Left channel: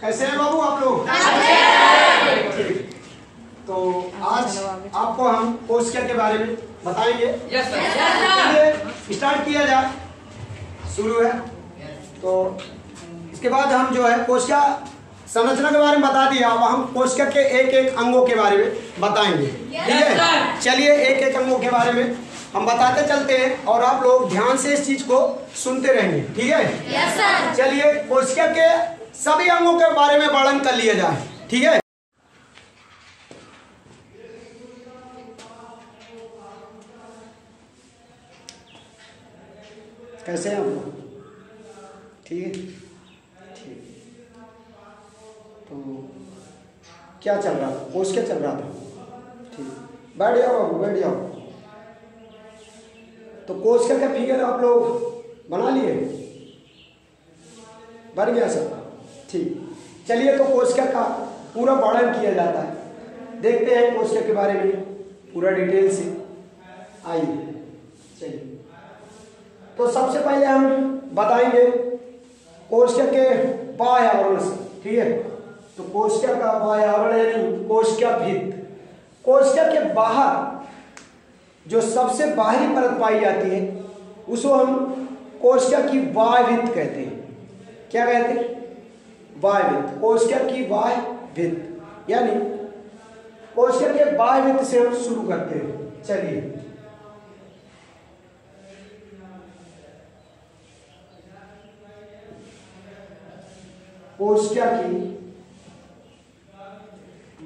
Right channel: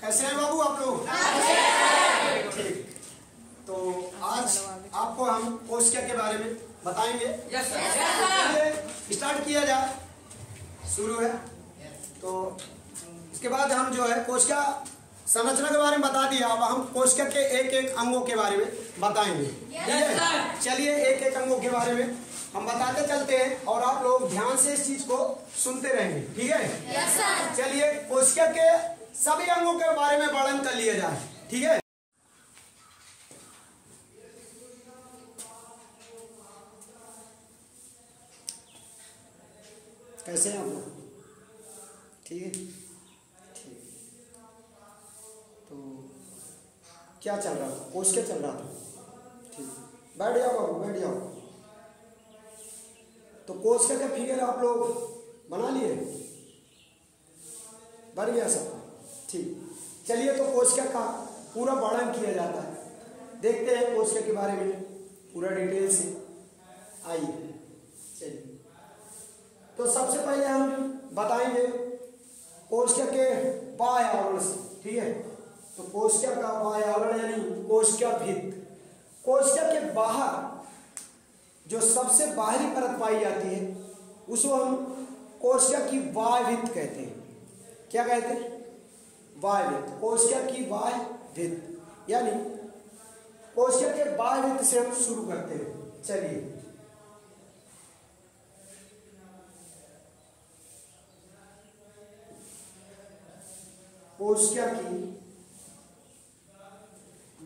कैसे हैं बाबू आप लोग? तो आज आपको हम कोशिका के बारे में बताएंगे। Yes sir. स्टार्ट किया जाए, शुरू है। तो इसके बाद हम जो है कोशिका संरचना के बारे में बता दिया, अब हम कोशिका के एक एक अंगों के बारे में बताएंगे। ठीक है, चलिए एक एक अंगों के बारे में हम बताते चलते हैं और आप लोग ध्यान से इस चीज को सुनते रहेंगे। ठीक है, चलिए कोशिका के सभी अंगों के बारे में वर्णन कर लिया जाए। ठीक है, कैसे हैं आप लोग? ठीक है, ठीक। तो क्या चल रहा था? कोशिका चल रहा था। ठीक, बैठ जाओ बाबू, बैठ जाओ। तो कोशिका का फिगर आप लोग बना लिए? बन गया सब? ठीक, चलिए तो कोशिका का पूरा वर्णन किया जाता है। देखते हैं कोशिका के बारे में पूरा डिटेल से। आइए, चलिए तो सबसे पहले हम बताएंगे कोशिका के बाह्य आवरण से। ठीक है, तो कोशिका का बाह्य आवरण यानी कोशिका भित्त। कोशिका के बाहर जो सबसे बाहरी परत पाई जाती है उसको हम कोशिका की बाह्य भित्त कहते हैं। क्या कहते हैं? बाह्य भित्त। कोशिका की बाह्य भित्त यानी कोशिका के बाह्य भित्त से हम शुरू करते हैं। चलिए, कोशिका की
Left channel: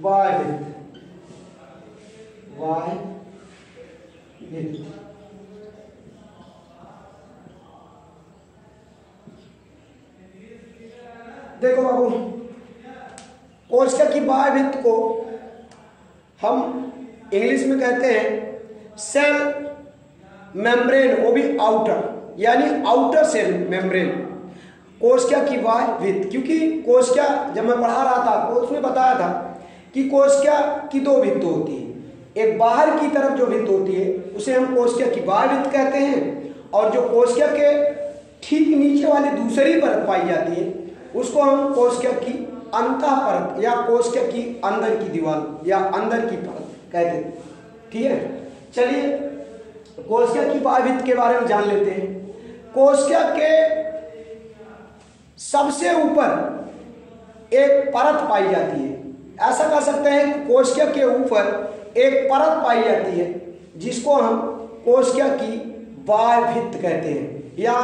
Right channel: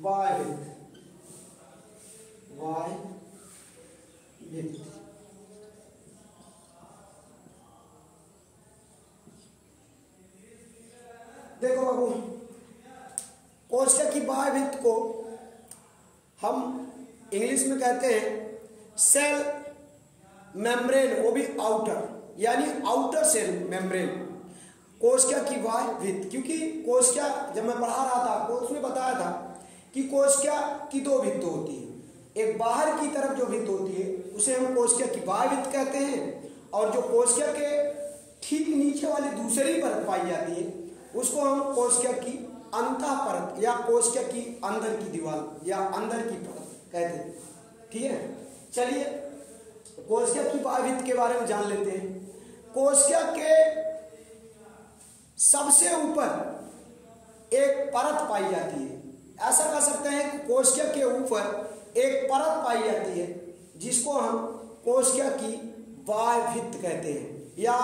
बाह्य भित्त, बाह्य भित्त। देखो बाबू, कोशिका की बाह्य भित्त को हम इंग्लिश में कहते हैं सेल मेम्ब्रेन, वो भी आउटर यानी आउटर सेल मेम्ब्रेन। कोशिका की बाह्य भित्त, क्योंकि कोशिका जब मैं पढ़ा रहा था आपको उसमें बताया था कि कोशिका की दो भित्त होती है। एक बाहर की तरफ जो भित्त होती है उसे हम कोशिका की बाह्य भित्त कहते हैं, और जो कोशिका के ठीक नीचे वाली दूसरी परत पाई जाती है उसको हम कोशिका की अंतः परत या कोशिका की अंदर की दीवार या अंदर की परत कहते हैं। ठीक है, चलिए कोशिका की बाह्य भित्त के बारे में जान लेते हैं। कोशिका के सबसे ऊपर एक परत पाई जाती है। ऐसा कह सकते हैं कि कोशिका के ऊपर एक परत पाई जाती है जिसको हम कोशिका की बाह्य भित्त कहते हैं या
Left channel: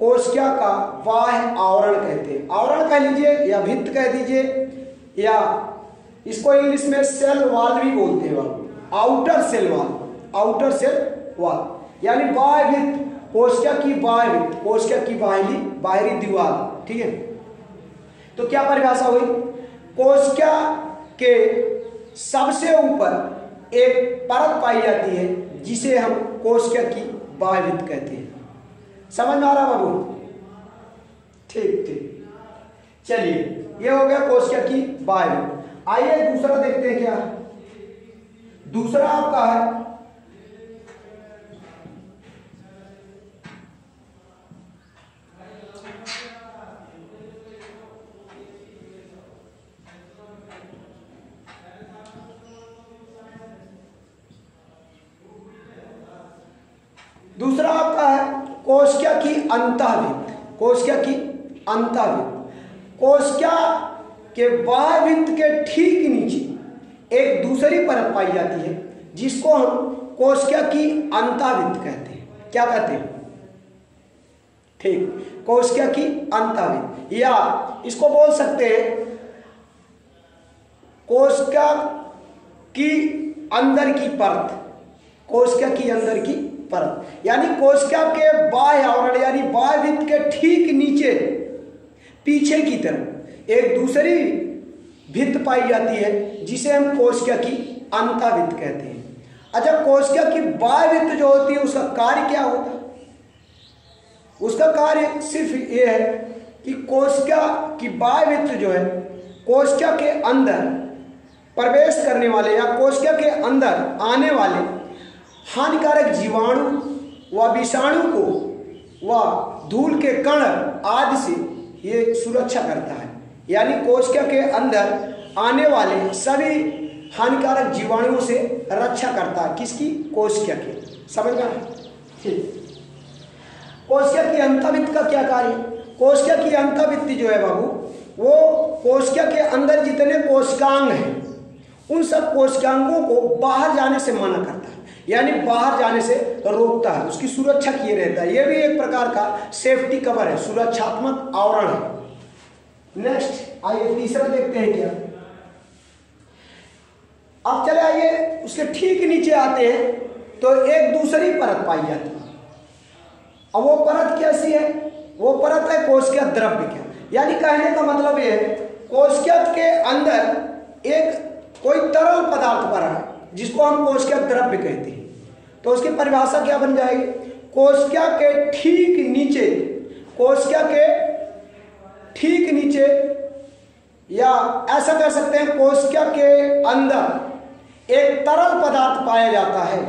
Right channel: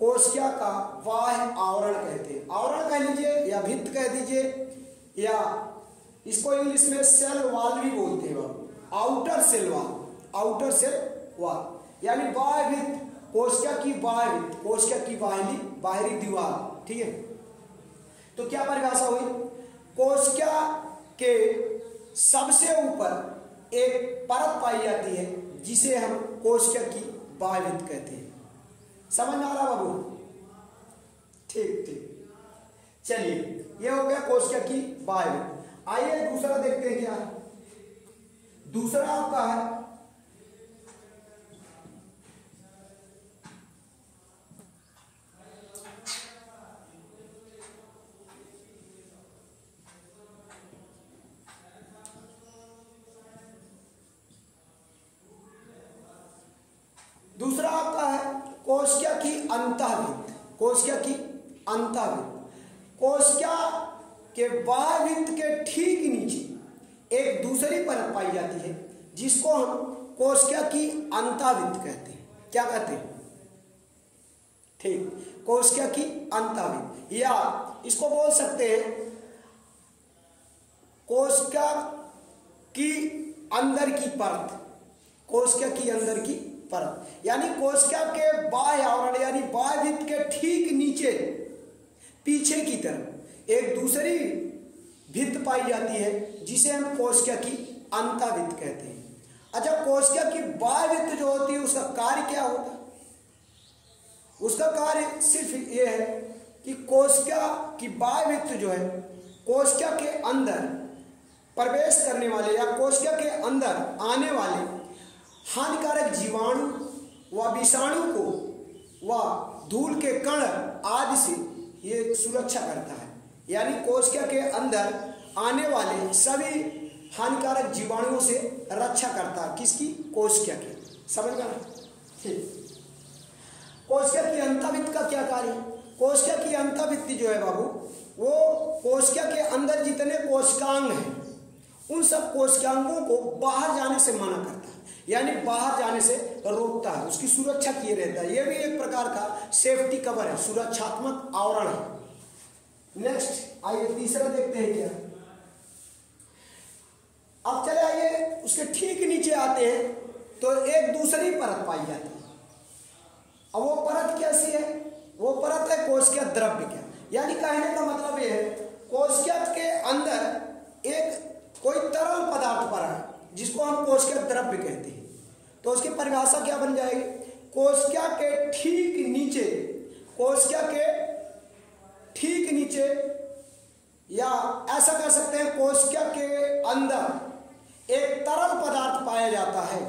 कोशिका का बाह्य आवरण कहते हैं। आवरण कह लीजिए या भित्त कह दीजिए, या इसको इंग्लिश में सेल वॉल भी बोलते हैं। Outer cell wall, outer cell wall यानी बाह्य भित्त, कोशिका की बाह्य भित्त, कोशिका की बाहरी दीवार। ठीक है, तो क्या परिभाषा हुई? कोशिका के सबसे ऊपर एक परत पाई जाती है जिसे हम कोशिका की बाह्य भित्त कहते हैं। समझ में आ रहा बाबू? ठीक ठीक, चलिए ये हो गया कोशिका की बाह्य भित्त। आइए दूसरा देखते हैं। क्या दूसरा आपका है दूसरा आपका है कोशिका की अंतःभित्त। कोशिका की अंतःभित्त, कोशिका के बाह्य भित्त के ठीक नीचे एक दूसरी परत पाई जाती है जिसको हम कोशिका की अंतःभित्त कहते हैं। क्या कहते हैं? ठीक, कोशिका की अंतःभित्त, या इसको बोल सकते हैं कोशिका की अंदर की परत। कोशिका की अंदर की परत यानी कोशिका के बाह्य आवरण यानी बाह्य भित्त के ठीक नीचे पीछे की तरफ एक दूसरी भित्त पाई जाती है जिसे हम कोशिका की अंतःभित्त कहते हैं। अच्छा, कोशिका की बाह्य भित्त जो होती है उसका कार्य क्या होता है? उसका कार्य सिर्फ ये है कि कोशिका की बाह्य भित्त जो है कोशिका के अंदर प्रवेश करने वाले या कोशिका के अंदर आने वाले हानिकारक जीवाणु व विषाणु को व धूल के कण आदि से ये सुरक्षा करता है। यानी कोशिका के अंदर आने वाले सभी हानिकारक जीवाणुओं से रक्षा करता है। किसकी? कोशिका की। समझ गए? ठीक। कोशिका की अंतःभित्ति का क्या कार्य? कोशिका की अंतःभित्ति जो है बाबू, वो कोशिका के अंदर जितने कोशिकांग हैं उन सब कोशिकांगों को बाहर जाने से मना करता है, यानी बाहर जाने से रोकता है, उसकी सुरक्षा किए रहता है। यह भी एक प्रकार का सेफ्टी कवर है, सुरक्षात्मक आवरण है। नेक्स्ट आइए तीसरा देखते हैं क्या। अब चले आइए उसके ठीक नीचे आते हैं तो एक दूसरी परत पाई जाती है। अब वो परत कैसी है? वो परत है कोशिका द्रव्य क्या। यानी कहने का मतलब ये है कोशिका के अंदर एक कोई तरल पदार्थ भरा है जिसको हम कोशिका द्रव्य कहते हैं। तो उसकी परिभाषा क्या बन जाएगी? कोशिका के ठीक नीचे, कोशिका के ठीक नीचे, या ऐसा कह सकते हैं कोशिका के अंदर एक तरल पदार्थ पाया जाता है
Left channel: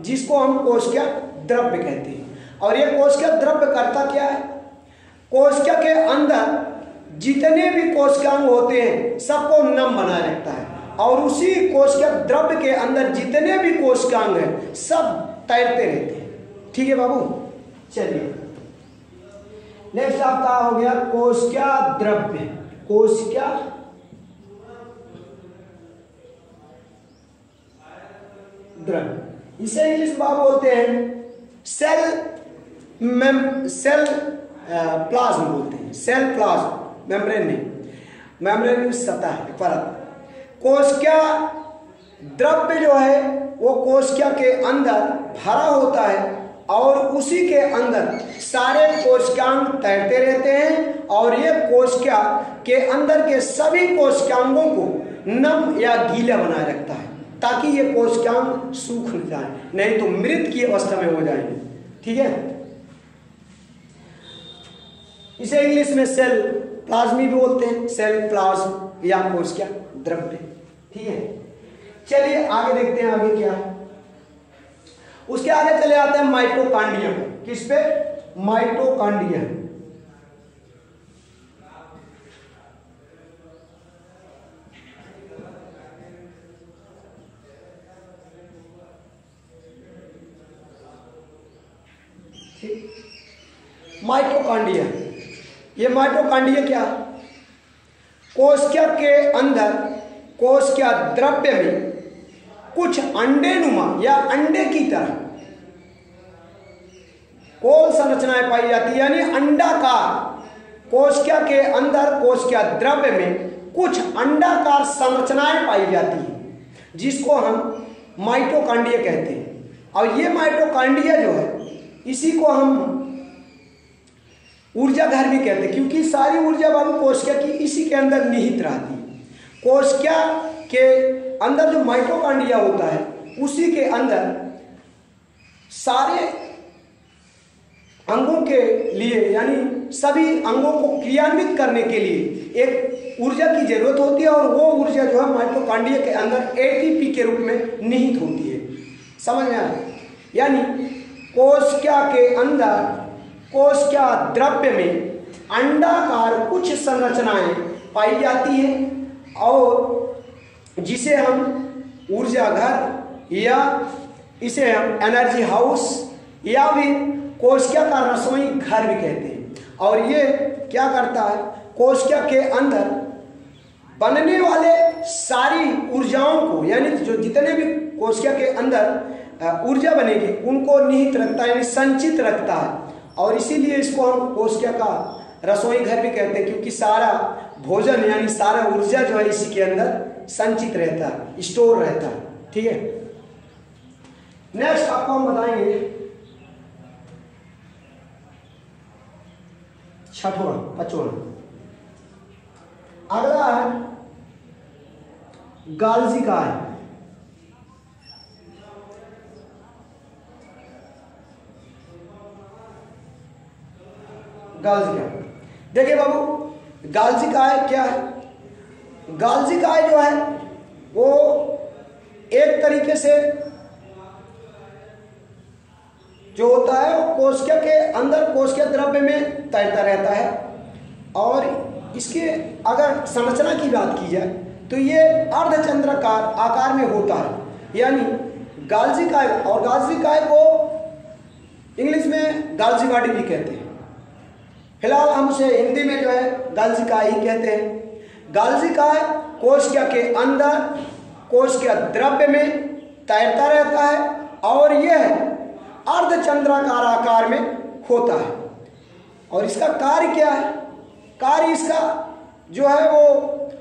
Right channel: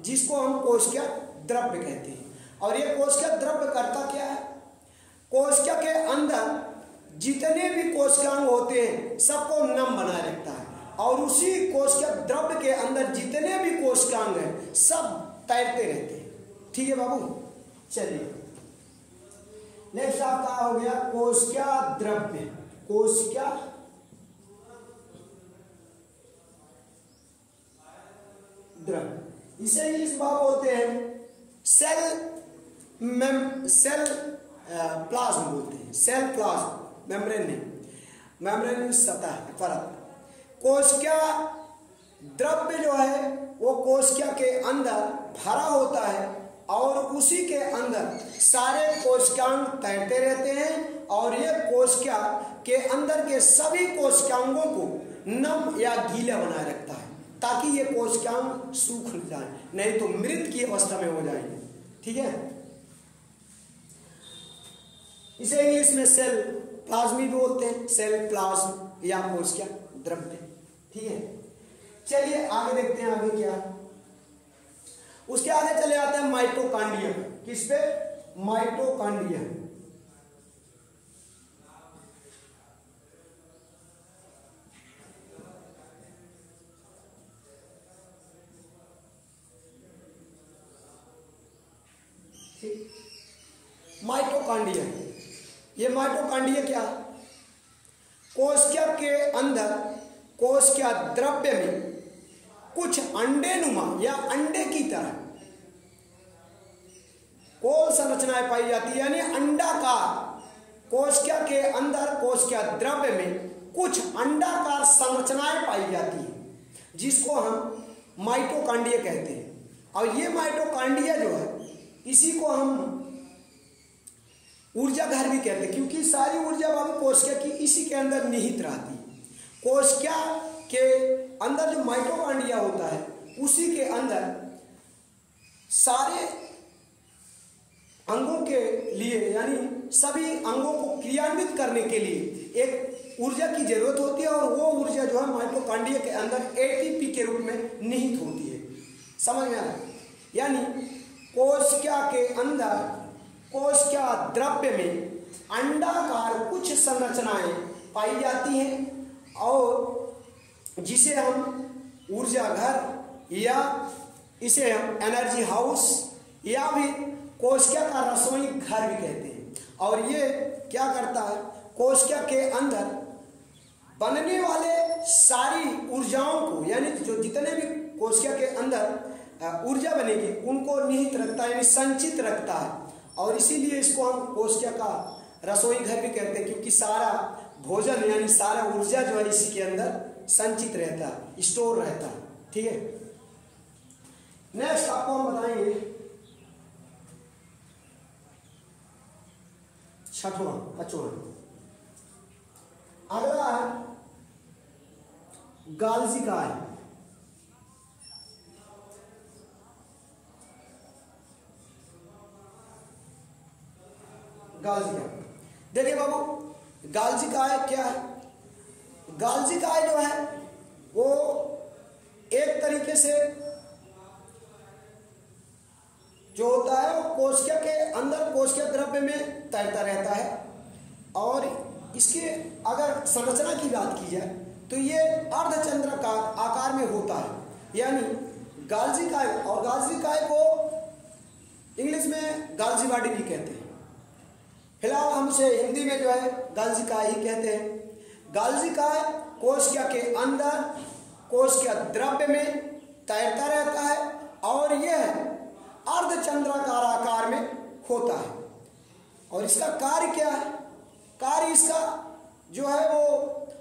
जिसको हम कोशिका द्रव्य कहते हैं। और ये कोशिका द्रव्य करता क्या है? कोशिका के अंदर जितने भी कोशिकांग होते हैं सबको नम बनाए रखता है, और उसी कोशिका द्रव्य के अंदर जितने भी कोशिकांग हैं सब तैरते रहते हैं। ठीक है बाबू, चलिए नेक्स्ट आपका हो गया कोशिका द्रव्य। कोशिका द्रव्य, इसे इंग्लिश में बोलते हैं सेल प्लाज्म बोलते हैं। सेल प्लाज्म, मेम्ब्रेन नहीं, मेम्ब्रेन सतह परत। कोशिका द्रव्य जो है वो कोशिका के अंदर भरा होता है और उसी के अंदर सारे कोशिकांग तैरते रहते हैं, और ये कोशिका के अंदर के सभी कोशिकांगों को नम या गीला बनाए रखता है ताकि ये कोशिकांग सूख न जाए, नहीं तो मृत की अवस्था में हो जाएंगे। ठीक है, इसे इंग्लिश में सेल प्लाज्म भी बोलते हैं, सेल प्लाज्म या कोशिका द्रव्य। ठीक है, चलिए आगे देखते हैं आगे क्या है। उसके आगे चले आते हैं माइटोकॉन्ड्रिया। किस पे? माइटोकॉन्ड्रिया। माइटोकॉन्ड्रिया, ये माइटोकॉन्ड्रिया क्या? कोशिका के अंदर कोशिका द्रव्य में कुछ अंडेनुमा या अंडे की तरह कोल संरचनाएं पाई जाती है, यानी अंडाकार। कोशिका के अंदर कोशिका द्रव्य में कुछ अंडाकार संरचनाएं पाई जाती है जिसको हम माइटोकॉन्ड्रिया कहते हैं। और ये माइटोकॉन्ड्रिया जो है इसी को हम ऊर्जा घर भी कहते हैं, क्योंकि सारी ऊर्जा बाबू कोशिका की इसी के अंदर निहित रहती है। कोशिका के अंदर जो माइटोकॉन्ड्रिया होता है उसी के अंदर सारे अंगों के लिए, यानी सभी अंगों को क्रियान्वित करने के लिए एक ऊर्जा की जरूरत होती है, और वो ऊर्जा जो है माइटोकॉन्ड्रिया के अंदर एटीपी के रूप में निहित होती है। समझ में आया? यानी कोशिका के अंदर कोशिका द्रव्य में अंडाकार कुछ संरचनाएं पाई जाती हैं और जिसे हम ऊर्जा घर या इसे हम एनर्जी हाउस या फिर कोशिका का रसोई घर भी कहते हैं। और ये क्या करता है? कोशिका के अंदर बनने वाले सारी ऊर्जाओं को, यानी जो जितने भी कोशिका के अंदर ऊर्जा बनेगी उनको निहित रखता है, यानी संचित रखता है। और इसीलिए इसको हम कोशिका का रसोई घर भी कहते हैं, क्योंकि सारा भोजन यानी सारा ऊर्जा जो है इसी के अंदर संचित रहता है, स्टोर रहता है। ठीक है, नेक्स्ट आपको हम बताएंगे छठवां पांचवां। अगला है गाल्जी काय। गाल्जी काय, देखिए बाबू गाल्जी काय क्या है? गाल्जी काय जो है वो एक तरीके से जो होता है वो कोशिका के अंदर कोशिका द्रव्य में तैरता रहता है। और इसके अगर संरचना की बात की जाए तो ये अर्धचंद्राकार आकार में होता है, यानी गाल्जी काय, और गाल्जी काय को इंग्लिश में गाल्जी बॉडी भी कहते हैं। फिलहाल हम उसे हिंदी में जो है गाल्जी काय ही कहते हैं। गाल्जी काय कोशिका के अंदर कोशिका द्रव्य में तैरता रहता है और यह अर्धचंद्राकार आकार में होता है। और इसका कार्य क्या है? कार्य इसका जो है वो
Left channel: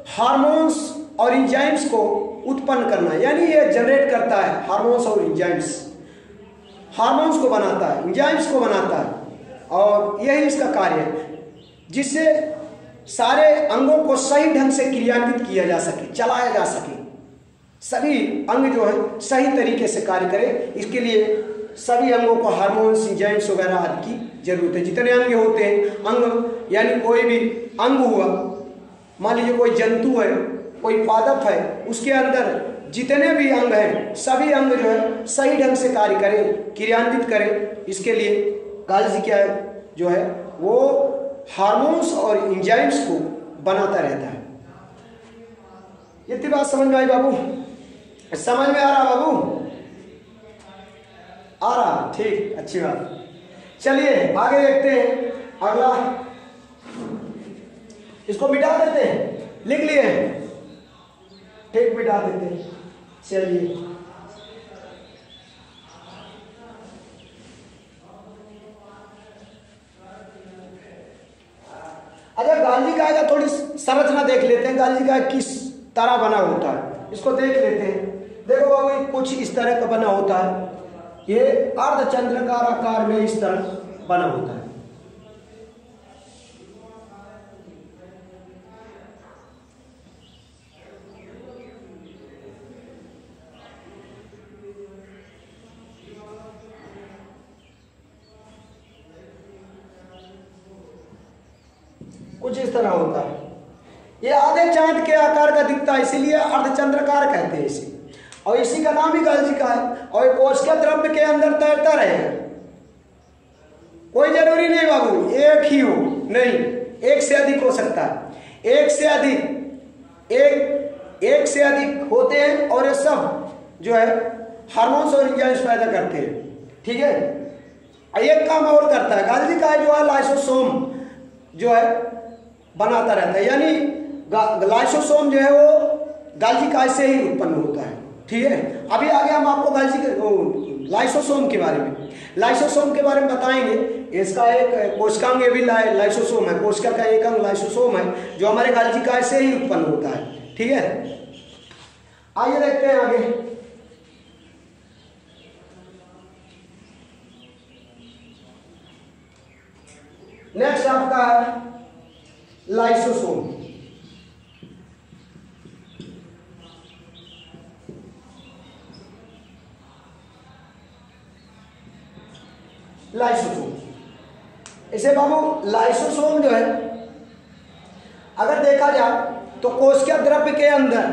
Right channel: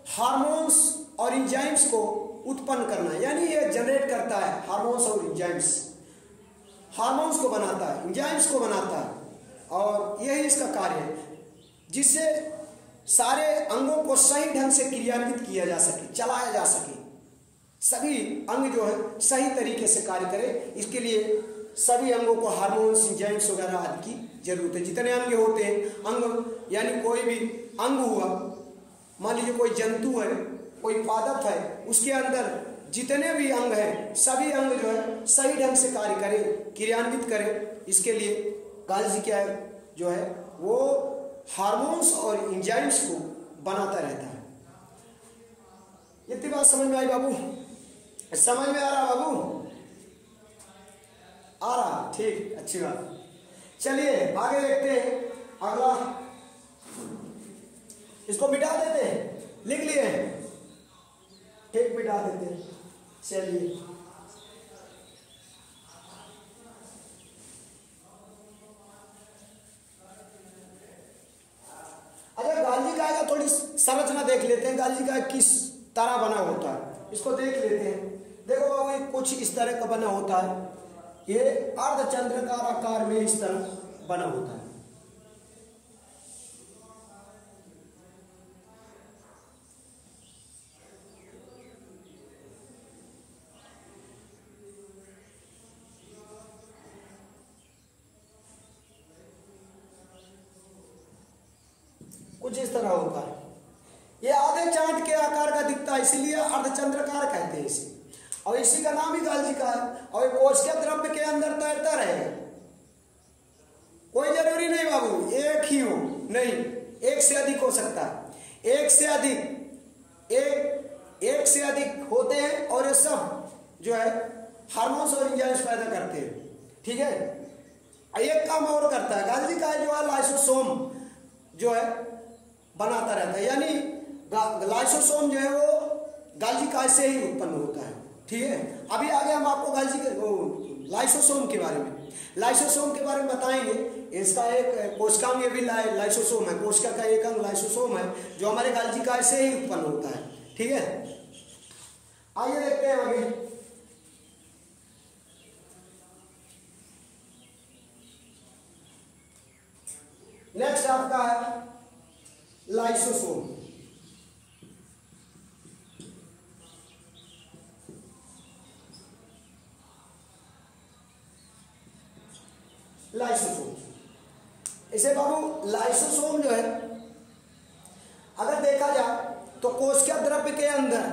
हार्मोन्स और एंजाइम्स को उत्पन्न करना, यानी ये जनरेट करता है हार्मोन्स और एंजाइम्स, हार्मोन्स को बनाता है, एंजाइम्स को बनाता है, और यही इसका कार्य है, जिससे सारे अंगों को सही ढंग से क्रियान्वित किया जा सके, चलाया जा सके, सभी अंग जो है सही तरीके से कार्य करे। इसके लिए सभी अंगों को हार्मोन्स, एंजाइम्स वगैरह आदि की जरूरत है। जितने अंग होते हैं, अंग यानी कोई भी अंग हुआ, मान लीजिए कोई जंतु है, कोई पादप है, उसके अंदर जितने भी अंग हैं सभी अंग जो है सही ढंग से कार्य करें, क्रियान्वित करें। इसके लिए गाल्जी क्या जो है वो हार्मोन्स और एंजाइम्स को बनाता रहता है। इतनी बात समझ में आई बाबू? समझ में आ रहा बाबू? आ रहा, ठीक, अच्छी बात। चलिए आगे देखते हैं अगला, इसको मिटा देते हैं, लिख लिए, ठीक, मिटा देते हैं। चलिए अच्छा, गाल्जी काय का थोड़ी संरचना देख लेते हैं। गाल्जी काय किस तरह बना होता है इसको देख लेते हैं। देखो बाबू, कुछ इस तरह का बना होता है, ये अर्धचंद्राकार आकार में इस तरह बना होता है। कुछ इस तरह होता है। ये आधे चांद के आकार का दिखता है, इसीलिए अर्धचंद्राकार कहते हैं इसे, और इसी का नाम ही गाल्जी का है। और कोशिका द्रव्य के अंदर तैरता रहेगा। कोई जरूरी नहीं बाबू एक ही हो, नहीं, एक से अधिक हो सकता है, एक से अधिक होते हैं, और ये सब जो है हार्मोन्स और एंजाइम्स पैदा करते हैं। ठीक है, एक काम और करता है गाल्जी का जो है, लाइसोसोम जो है बनाता रहता है, यानी लाइसोसोम जो है वो गाल्जी काय से ही उत्पन्न होता है। ठीक है, अभी आगे हम आपको गाल्जी के लाइसोसोम के बारे में बताएंगे। इसका एक कोशिकांग भी लाइसोसोम है, कोशिका का एक अंग लाइसोसोम है जो हमारे गाल्जी काय से ही उत्पन्न होता है। ठीक है, आइए देखते हैं आगे। नेक्स्ट आपका है लाइसोसोम। लाइसोसोम, इसे बाबू लाइसोसोम जो है अगर देखा जाए तो कोशिका द्रव्य के अंदर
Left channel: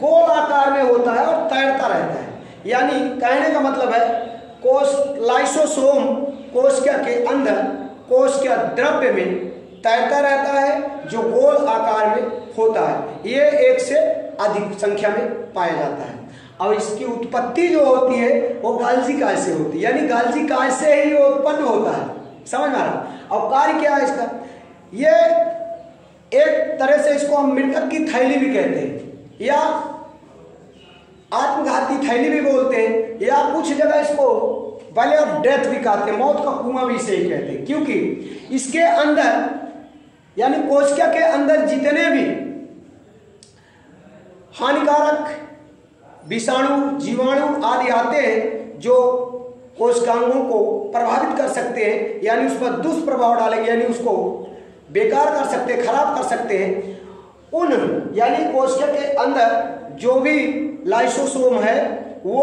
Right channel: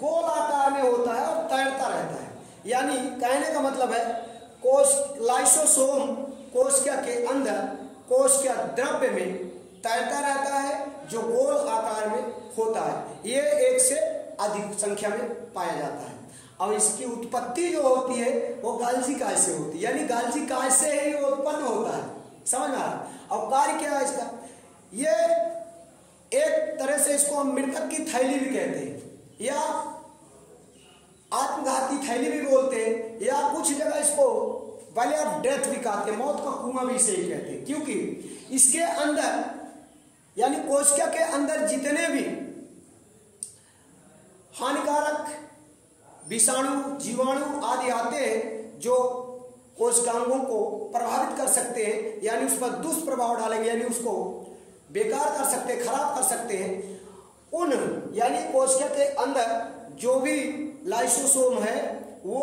गोल आकार में होता है और तैरता रहता है। यानी कहने का मतलब है लाइसोसोम कोशिका के अंदर कोशिका द्रव्य में तैरता रहता है जो गोल आकार में होता है। ये एक से अधिक संख्या में पाया जाता है, और इसकी उत्पत्ति जो होती है वो गाल्जी काय से होती है, यानी गाल्जी काय से ही उत्पन्न होता है। समझ में आ रहा? और कार्य क्या है इसका? ये एक तरह से इसको हम मृतक की थैली भी कहते हैं, या आत्मघाती थैली भी बोलते हैं, या कुछ जगह इसको वैली ऑफ डेथ भी कहते हैं, मौत का कुआं भी इसे ही कहते हैं, क्योंकि इसके अंदर यानी कोशिका के अंदर जितने भी हानिकारक विषाणु, जीवाणु आदि आते हैं जो कोशिकांगों को प्रभावित कर सकते हैं, यानी उस पर दुष्प्रभाव डालेंगे, यानी उसको बेकार कर सकते हैं, खराब कर सकते हैं, उन यानी कोशिका के अंदर जो भी लाइसोसोम है वो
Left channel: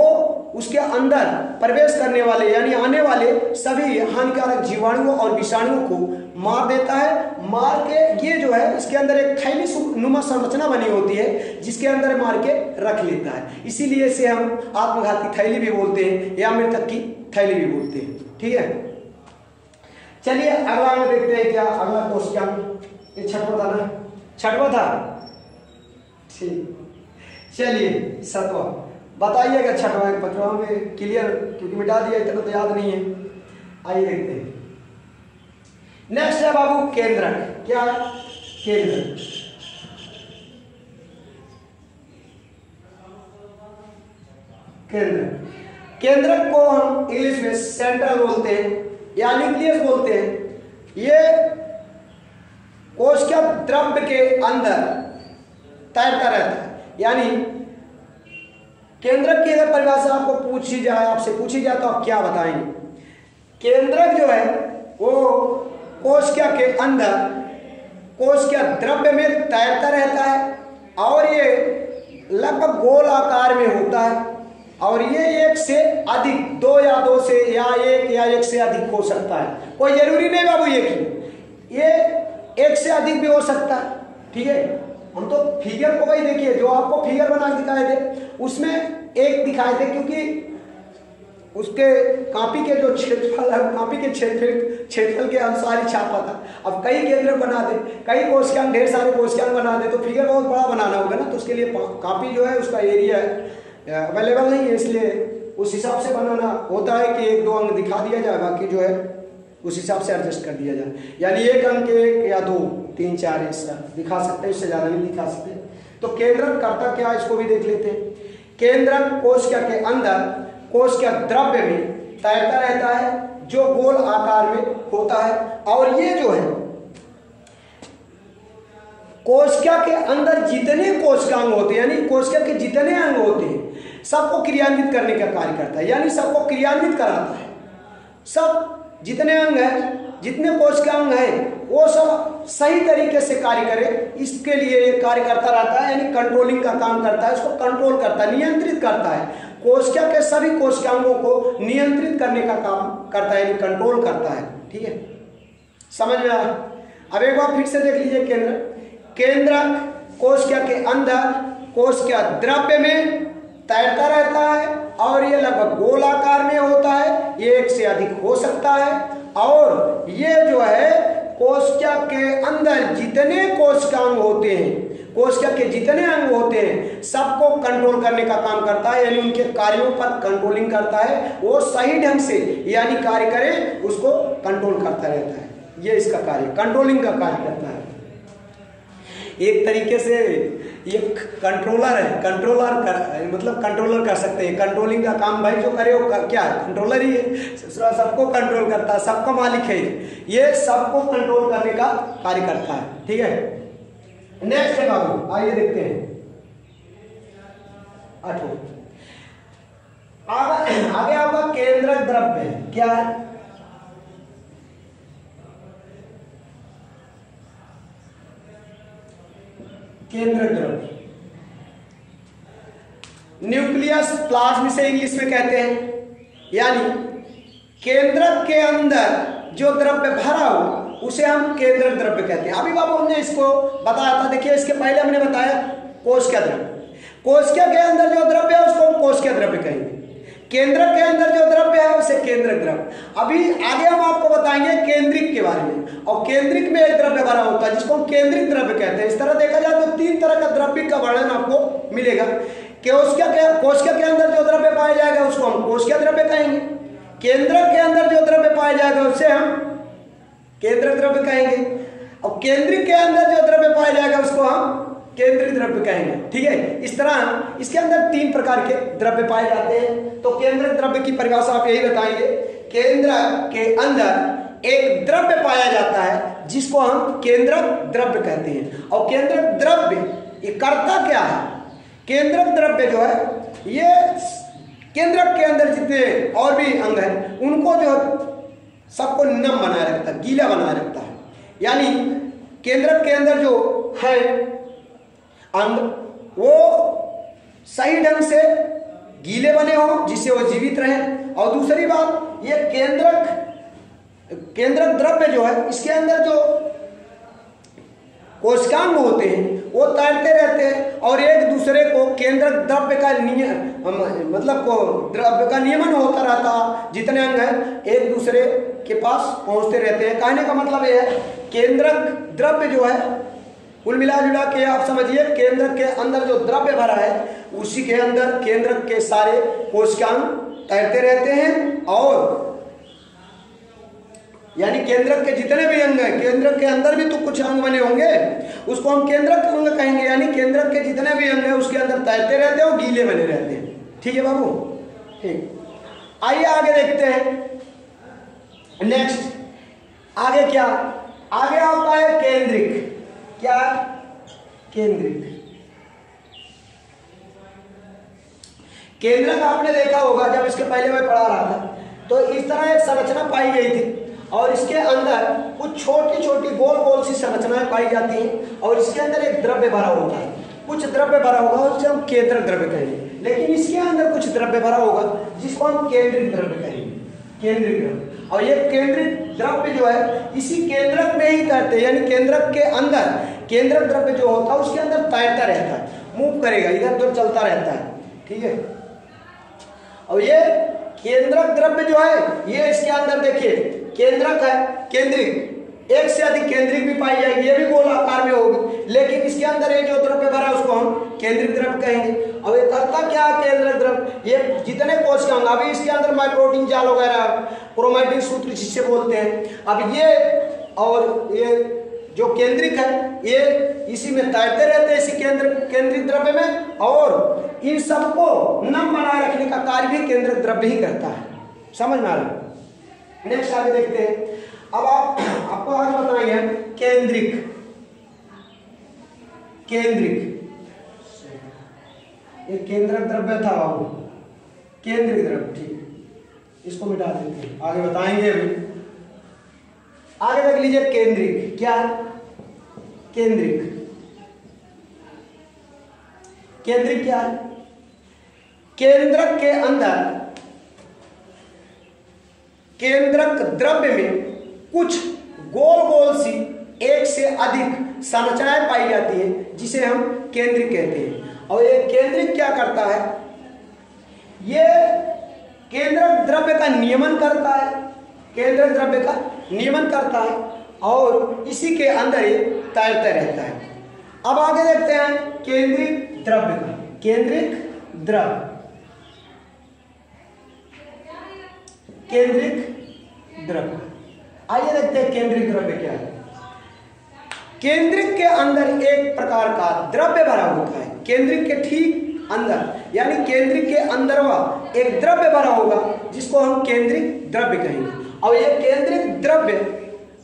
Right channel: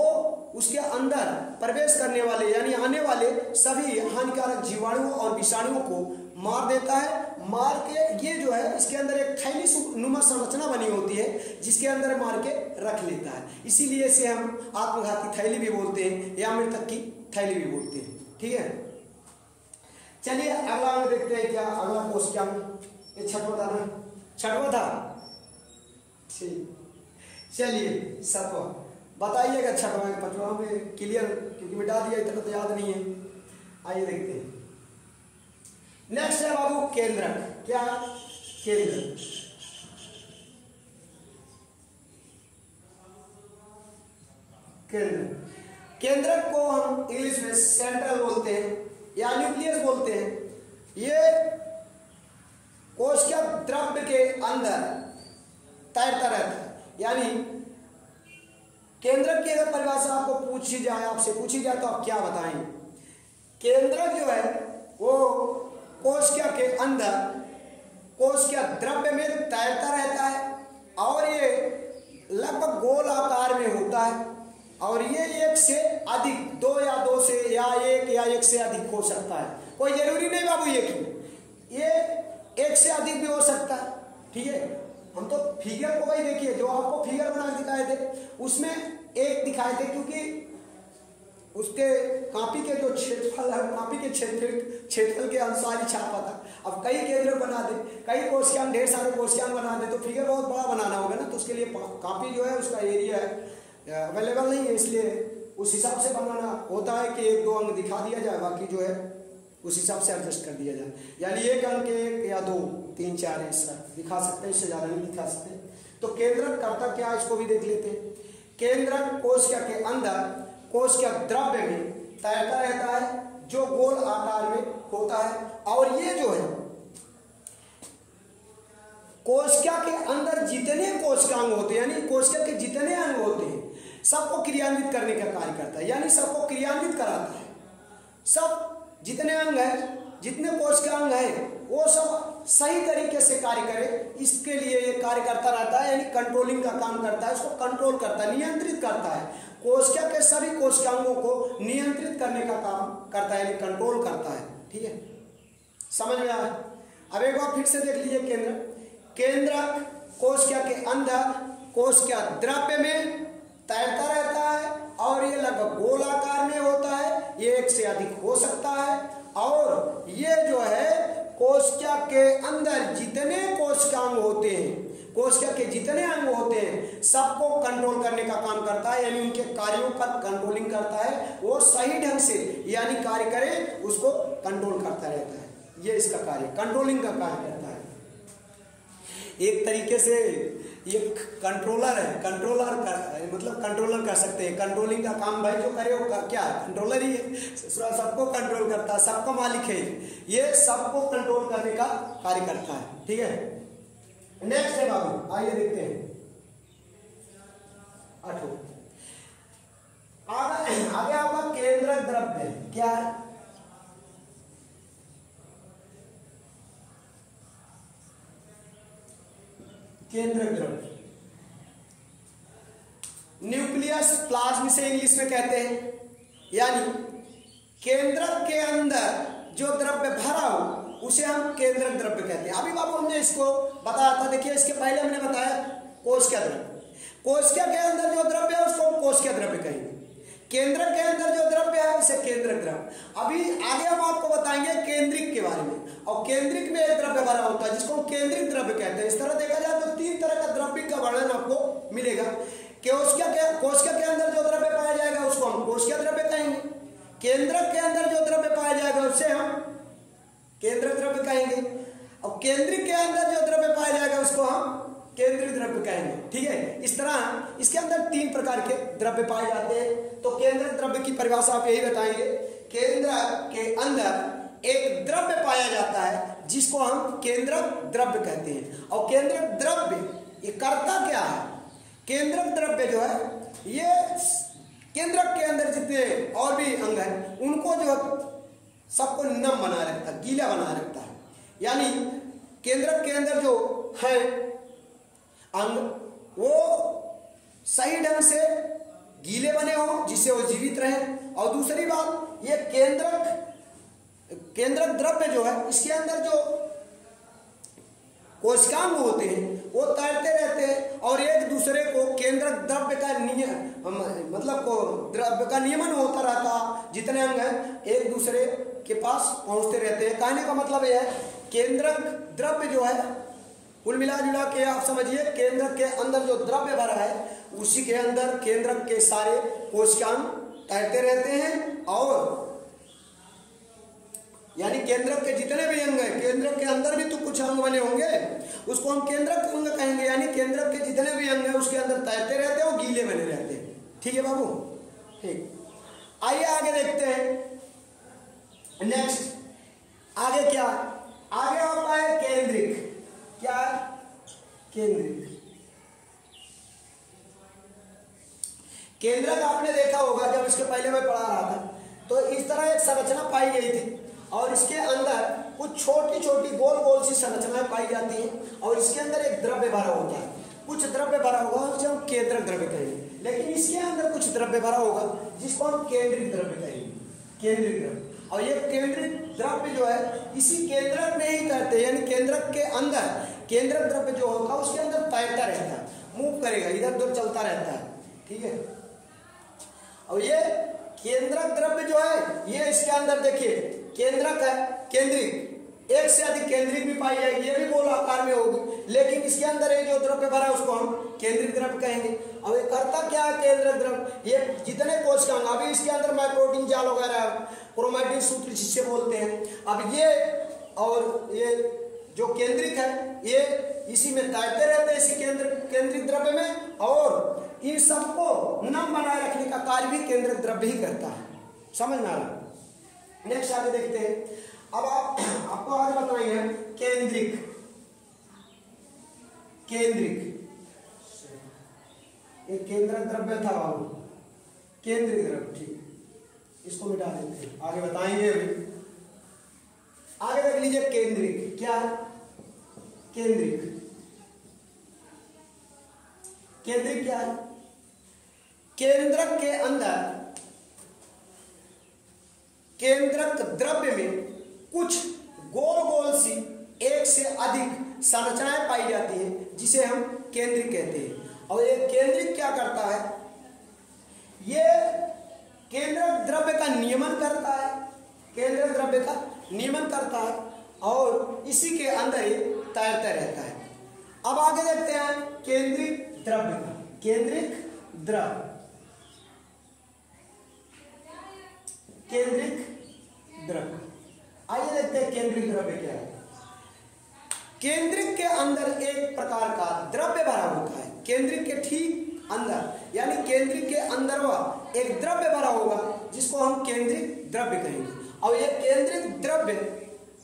उसके अंदर प्रवेश करने वाले यानी आने वाले सभी हानिकारक जीवाणुओं और विषाणुओं को मार देता है। मार के ये जो है इसके अंदर एक थैली नुमा संरचना बनी होती है जिसके अंदर मार के रख लेता है, इसीलिए इसे हम आत्मघाती थैली भी बोलते हैं या मृतक की थैली भी बोलते हैं। ठीक है, चलिए अगला में देखते हैं क्या अगला क्वेश्चन। ये छठवां था ना, छठवां था, ठीक। चलिए सातवां बताइएगा, छठवां पांचवां में क्लियर, क्योंकि मिटा दिया इतना तो याद नहीं है। आइए देखते हैं। नेक्स्ट है बाबू केंद्रक। क्या? केंद्रक। केंद्रक, केंद्रक को हम इंग्लिश में सेंट्रल बोलते हैं या न्यूक्लियस बोलते हैं। ये कोशिका द्रव्य के अंदर तैरता रहता है। यानी केंद्रक की अगर परिभाषा आपको पूछी जाए, आपसे पूछी जाए, तो आप क्या बताएंगे? केंद्रक जो है वो कोशिका के अंदर कोशिका द्रव्य में तैरता रहता है और ये लगभग गोल आकार में होता है और ये एक से अधिक, दो या दो से या एक से अधिक हो सकता है। कोई जरूरी नहीं बाबू ये एक से अधिक भी हो सकता है। ठीक है, हम तो फिगर को भाई देखिए, जो आपको फिगर बना दिखाए थे उसमें एक दिखाए थे, क्योंकि उसके कापी के जो क्षेत्रफल है, कापी के क्षेत्रफल के अनुसार ही छापा था। अब कई केंद्र बना दे, कई कोशिकांग, ढेर सारे कोशिकांग बना दे, तो फिगर बहुत बड़ा बनाना होगा ना, तो उसके लिए कापी जो है उसका एरिया अवेलेबल नहीं है, इसलिए उस हिसाब से बनाना होता है कि एक दो अंक दिखा दिया जाए, बाकी जो है उस हिसाब से एडजस्ट कर दिया जाए। यानी एक अंक, एक या दो, तीन, चार ऐसा दिखा सकते हैं, इससे ज्यादा नहीं दिखा सकते। तो केंद्रक करता क्या, इसको भी देख लेते हैं। केंद्रक कोशिका के अंदर कोशिका द्रव्य में तैरता रहता है जो गोल आकार में होता है और ये जो है कोशिका के अंदर जितने कोशिकांग होते हैं, यानी कोशिका के जितने अंग होते हैं, सबको क्रियान्वित करने का कार्य करता है, यानी सबको क्रियान्वित कराता है। सब जितने अंग हैं, जितने कोशिकांग हैं, वो सब सही तरीके से कार्य करे, इसके लिए ये कार्य करता रहता है, यानी कंट्रोलिंग का काम करता है, इसको कंट्रोल करता है, नियंत्रित करता है। कोशिका के सभी कोशिकांगों को नियंत्रित करने का काम करता है, यानी कंट्रोल करता है। ठीक है, समझ में आया? अब एक बार फिर से देख लीजिए। केंद्रक कोशिका के अंदर कोशिका द्रव्य में तैरता रहता है और ये लगभग गोल आकार में होता है, ये एक से अधिक हो सकता है और ये जो है कोशिका के अंदर जितने कोशिकांग होते हैं, कोशिका के जितने अंग होते हैं, सबको कंट्रोल करने का काम करता है, यानी उनके कार्यों पर कंट्रोलिंग करता है। वो सही ढंग से यानी कार्य करे, उसको कंट्रोल करता रहता है। ये इसका कार्य, कंट्रोलिंग का कार्य करता है। एक तरीके से ये कंट्रोलर है, मतलब कंट्रोलर कर सकते हैं। कंट्रोलिंग का काम भाई जो करे वो क्या कंट्रोलर ही है, सबको कंट्रोल करता है, सबका मालिक है, ये सबको कंट्रोल करने का कार्य करता है। ठीक है, नेक्स्ट है बाबू, आइए देखते हैं। 8वां आगे आपका केंद्रक द्रव्य है। क्या है? केंद्रक द्रव्य, न्यूक्लियस प्लाज्म से इंग्लिश में कहते हैं। यानी केंद्रक के अंदर जो द्रव्य भरा हो उसे हम केंद्रक द्रव्य कहते हैं। अभी बाबू हमने इसको बताया था, देखिए इसके पहले हमने बताया कोशिका द्रव्य। कोशिका के अंदर जो द्रव्य है उसको हम कोशिका द्रव्य कहेंगे, केंद्रक के अंदर जो द्रव्य है उसे केंद्रक द्रव्य। अभी आगे हम आपको बताएंगे केंद्रिक के बारे में, और केंद्रिक में एक द्रव्य भरा होता है जिसको हम केंद्रिक द्रव्य कहते हैं। इस तरह देखा जाए तो तीन तरह का द्रव्य का वर्णन आपको मिलेगा। कोशिका के अंदर जो द्रव्य पाया जाएगा उसको हम कोशिका द्रव्य कहेंगे, केंद्रक के अंदर जो द्रव्य पाया जाएगा उसे हम केंद्रक द्रव्य कहेंगे, और केंद्रिक के अंदर जो द्रव्य पाया जाएगा उसको हम केंद्रित द्रव्य कहेंगे। ठीक है, इस तरह इसके अंदर तीन प्रकार के द्रव्य पाए जाते हैं। तो केंद्रक द्रव्य की परिभाषा आप यही बताएंगे, केंद्रक के अंदर एक द्रव्य पाया जाता है जिसको हम केंद्रक द्रव्य कहते हैं। और केंद्रक द्रव्य ये करता क्या है? केंद्रक द्रव्य जो है ये केंद्रक के अंदर जितने और भी अंग हैं उनको जो सबको नम बनाए रखता है, गीला बनाए रखता है। यानी केंद्रक के अंदर जो है अंग वो सही ढंग से गीले बने हो जिससे वो जीवित रहे। और दूसरी बात, ये केंद्रक द्रव्य जो है इसके अंदर जो कोशिकांग होते हैं वो तैरते रहते हैं और एक दूसरे को केंद्रक द्रव्य का मतलब को द्रव्य का नियमन होता रहता, जितने अंग हैं एक दूसरे के पास पहुंचते रहते हैं। कहने का मतलब यह है केंद्रक द्रव्य जो है कुल मिला जुला के आप समझिए केंद्रक के अंदर जो द्रव्य भरा है उसी के अंदर केंद्रक के सारे कोशिकांग तैरते रहते हैं और यानी केंद्रक के जितने भी अंग हैं, केंद्रक के अंदर भी तो कुछ अंग बने होंगे, उसको हम केंद्रक अंग कहेंगे। यानी केंद्रक के जितने भी अंग हैं उसके अंदर तैरते रहते हैं और गीले बने रहते हैं। ठीक है बाबू, ठीक। आइए आगे देखते हैं। नेक्स्ट आगे क्या, आगे आता है केंद्रिक। क्या? केंद्रिक। केंद्रक आपने देखा होगा जब इसके पहले मैं पढ़ा रहा था तो इस तरह एक संरचना पाई गई थी और इसके अंदर कुछ छोटी छोटी गोल गोल सी संरचनाएं पाई जाती हैं और इसके अंदर एक द्रव्य भरा होता है, कुछ द्रव्य भरा होगा उसे हम केंद्रक द्रव्य कहेंगे। लेकिन इसके अंदर कुछ द्रव्य भरा होगा जिसको हम केंद्रिक द्रव्य कहेंगे, केंद्रिक द्रव्य। और ये केंद्रिक द्रव्य जो है इसी केंद्रक में ही तैरते हैं, यानी केंद्रक के अंदर केंद्रक द्रव्य जो होता है उसके अंदर तैरता रहता है, मूव करेगा, इधर उधर चलता रहता है। ठीक है। और ये केंद्रक द्रव्य जो है ये इसके अंदर देखिए केंद्रक है, केंद्रिक, एक से अधिक केंद्रिक भी पाई जाएगी, ये भी गोल आकार में होगी, लेकिन इसके अंदर ये जो द्रव्य भरा है उसको हम केंद्रिक द्रव्य कहेंगे। अब ये करता क्या है केंद्रिक द्रव्य, ये जितने कोशिकांग, अभी इसके अंदर माइक्रोटीन जाल वगैरह, क्रोमैटिन सूत्र जिससे बोलते हैं, अब ये और ये जो केंद्रिक है ये इसी में तैरते रहते हैं, इसी केंद्रिक द्रव्य में, और इन सबको नम बनाए रखने का कार्य भी केंद्रिक द्रव्य ही करता है। समझ में आ रहा है। नेक्स्ट आगे देखते हैं। अब आपको आगे बताएंगे केंद्रिक। केंद्रिक ये केंद्रक द्रव्य था बाबू, केंद्रिक द्रव्य। ठीक, इसको मिटा देते हैं, आगे बताएंगे अभी। आगे देख लीजिए केंद्रिक। क्या? केंद्रिक। केंद्रिक क्या है? केंद्रक के अंदर केंद्रक द्रव्य में कुछ गोल गोल सी एक से अधिक संरचनाएं पाई जाती है जिसे हम केंद्रिक कहते हैं। और ये केंद्रिक क्या करता है, ये केंद्रक द्रव्य का नियमन करता है, केंद्रक द्रव्य का नियमन करता है और इसी के अंदर ये तैरता रहता है। अब आगे देखते हैं केंद्रिक द्रव्य का। केंद्रिक द्रव्य, केंद्रिक द्रव्य। आइए देखते हैं केंद्रिक द्रव्य क्या है। केंद्रिक के अंदर एक प्रकार का द्रव्य भरा होता है, केंद्रिक के ठीक अंदर, यानी केंद्रिक के अंदर वह एक द्रव्य भरा होगा जिसको हम केंद्रिक द्रव्य कहेंगे। और ये केंद्रिक द्रव्य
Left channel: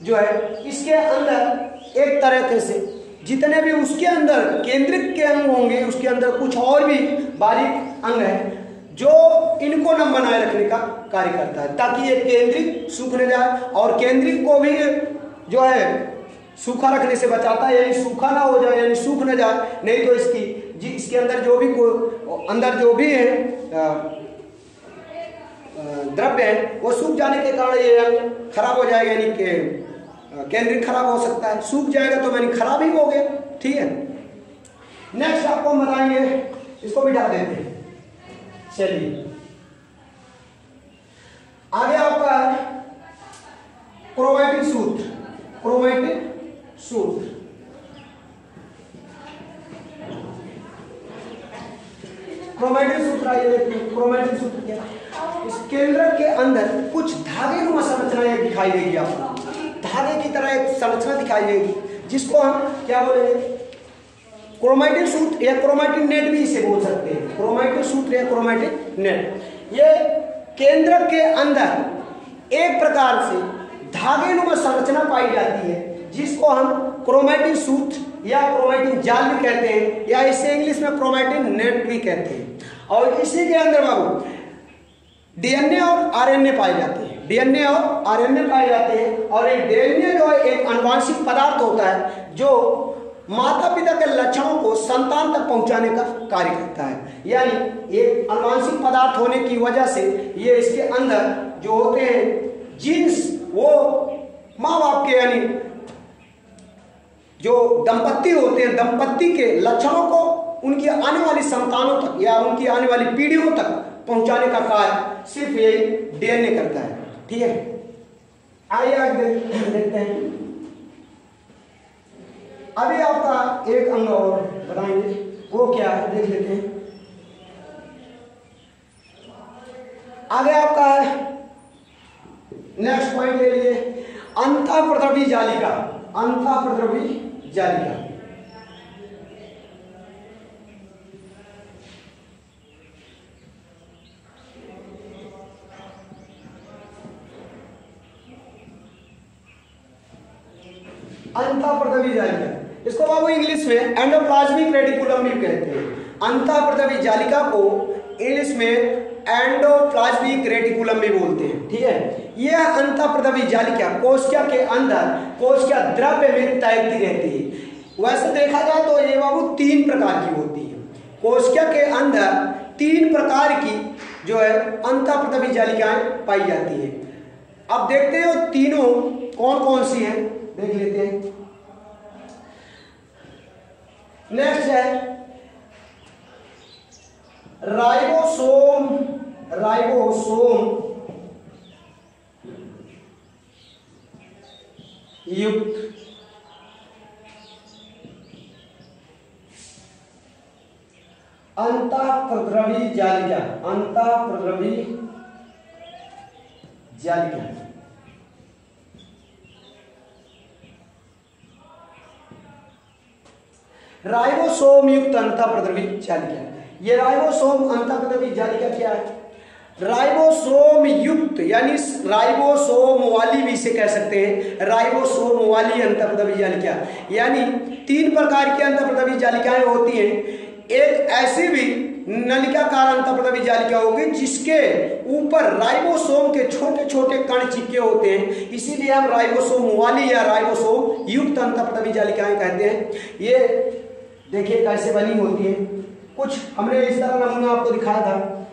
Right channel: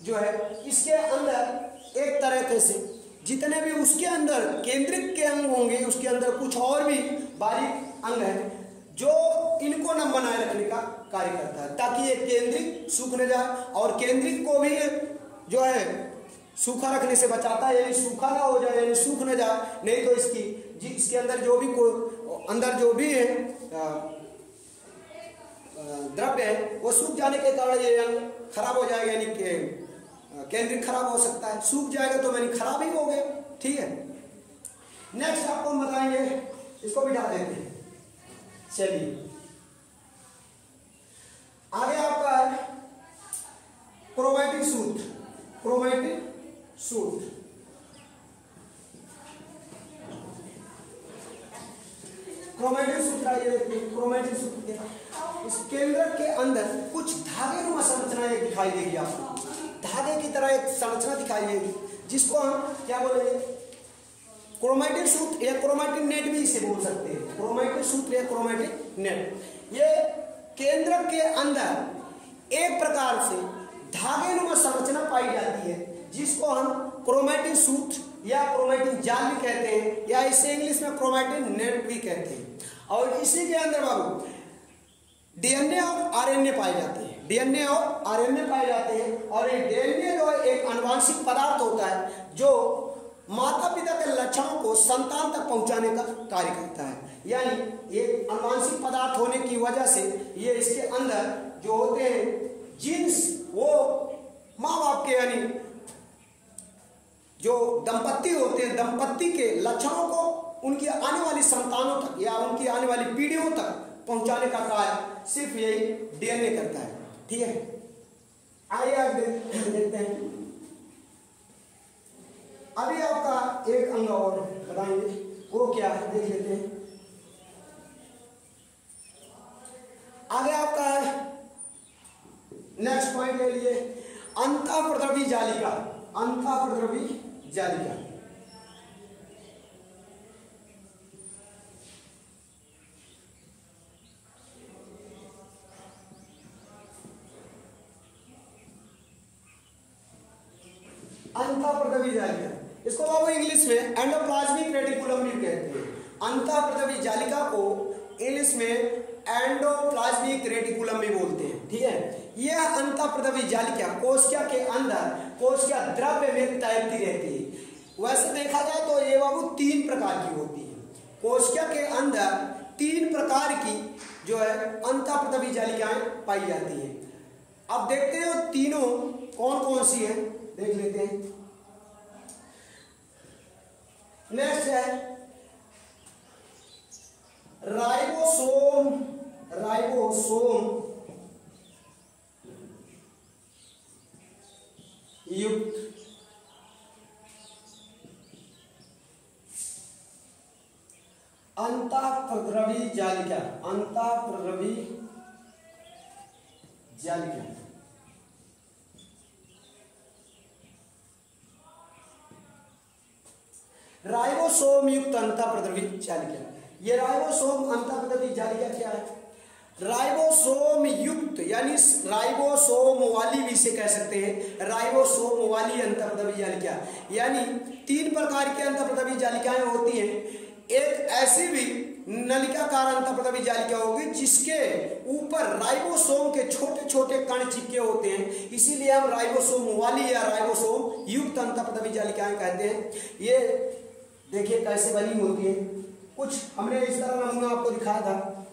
जो है इसके अंदर एक तरह से जितने भी उसके अंदर केंद्रिक के अंग होंगे उसके अंदर कुछ और भी बारीक अंग है जो इनको नम बनाए रखने का कार्य करता है, ताकि ये केंद्रिक सूख न जाए और केंद्रिक को भी जो है सूखा रखने से बचाता है, यानी सूखा ना हो जाए, यानी सूख न जाए, नहीं तो इसके अंदर जो भी अंदर जो भी है द्रव्य है वो सूख जाने के कारण ये अंग खराब हो जाएगा, यानी कि केंद्रिक खराब हो सकता है, सूख जाएगा तो यानी खराब ही हो गया। ठीक है। नेक्स्ट आपको हम बताएंगे, इसको मिटा देते हैं। चलिए आगे आपका क्रोमैटिन सूत्र। क्रोमैटिन सूत्र, क्रोमैटिन सूत्र आइए देखते हैं। क्रोमैटिन सूत्र क्या? इस केंद्र के अंदर कुछ धागे नुमा संरचनाएं दिखाई देगी आपको, धागे की तरह एक संरचना दिखाई देगी जिसको हम क्या बोलेंगे, क्रोमैटिन सूत्र या क्रोमैटिन नेट भी इसे बोल सकते हैं। क्रोमैटिन सूत्र या क्रोमैटिन नेट, ये केंद्र के अंदर एक प्रकार से धागे नुमा संरचना पाई जाती है जिसको हम क्रोमैटिन सूत्र या क्रोमैटिन जाल भी कहते हैं, या इसे इंग्लिश में क्रोमैटिन नेट भी कहते हैं। और इसी के अंदर बाबू डीएनए और आरएनए पाए जाते हैं, डीएनए और आरएनए पाए जाते हैं। और ये डीएनए जो है एक आनुवांशिक पदार्थ होता है जो माता पिता के लक्षणों को संतान तक पहुंचाने का कार्य करता है, यानी एक आनुवांशिक पदार्थ होने की वजह से ये इसके अंदर जो होते हैं जीन्स वो माँ बाप के यानी जो दंपत्ति होते हैं, दंपत्ति के लक्षणों को उनकी आने वाली संतानों तक या उनकी आने वाली पीढ़ियों तक पहुंचाने का कार्य सिर्फ ये डीएनए करता है। ठीक है, आइए आगे देखते हैं। अभी आपका एक अंग और बताएंगे, वो क्या है देख लेते हैं। आगे आपका है, नेक्स्ट पॉइंट ले लीजिए, अंतःप्रद्रवी जालिका। अंतःप्रद्रवी जालिका अंतःप्रद्रवी जालिका, इसको बाबू इंग्लिश में एंडोप्लाज्मिक रेटिकुलम भी कहते हैं। अंतःप्रद्रवी जालिका को इंग्लिश में एंडोप्लाज्मिक रेटिकुलम भी बोलते हैं। ठीक है, यह अंतःप्रद्रवी जालिका कोशिका के अंदर कोशिका द्रव्य में तैरती रहती है। वैसे देखा जाए तो ये बाबू 3 प्रकार की होती है। कोशिका के अंदर 3 प्रकार की जो है अंतःप्रद्रवी जालिकाएं पाई जाती है। अब देखते हैं वो तीनों कौन कौन सी हैं, देख लेते हैं। नेक्स्ट है राइबोसोम। राइबोसोम युक्त अंतःप्रद्रवी जालिका। अंतःप्रद्रवी जालिका राइबोसोम युक्त अंतःप्रद्रवी जालिका। ये राइबोसोम अंतःप्रद्रवी जालिका क्या है? राइबोसोम युक्त यानी राइबोसोम वाली भी इसे कह सकते हैं। राइबोसोम वाली अंतःप्रद्रवी जालिका यानी 3 प्रकार की अंतःप्रद्रवी जालिकाएं होती हैं। एक ऐसी भी नलिकाकार अंतःप्रद्रवी जालिका होगी जिसके ऊपर राइबोसोम के छोटे छोटे कण चिपके होते हैं, इसीलिए हम राइबोसोम वाली या राइबोसोम युक्त अंतःप्रद्रवी जालिकाएं कहते हैं। ये देखिए कैसे बनी होती है। कुछ हमने इस तरह नमूना आपको दिखाया था,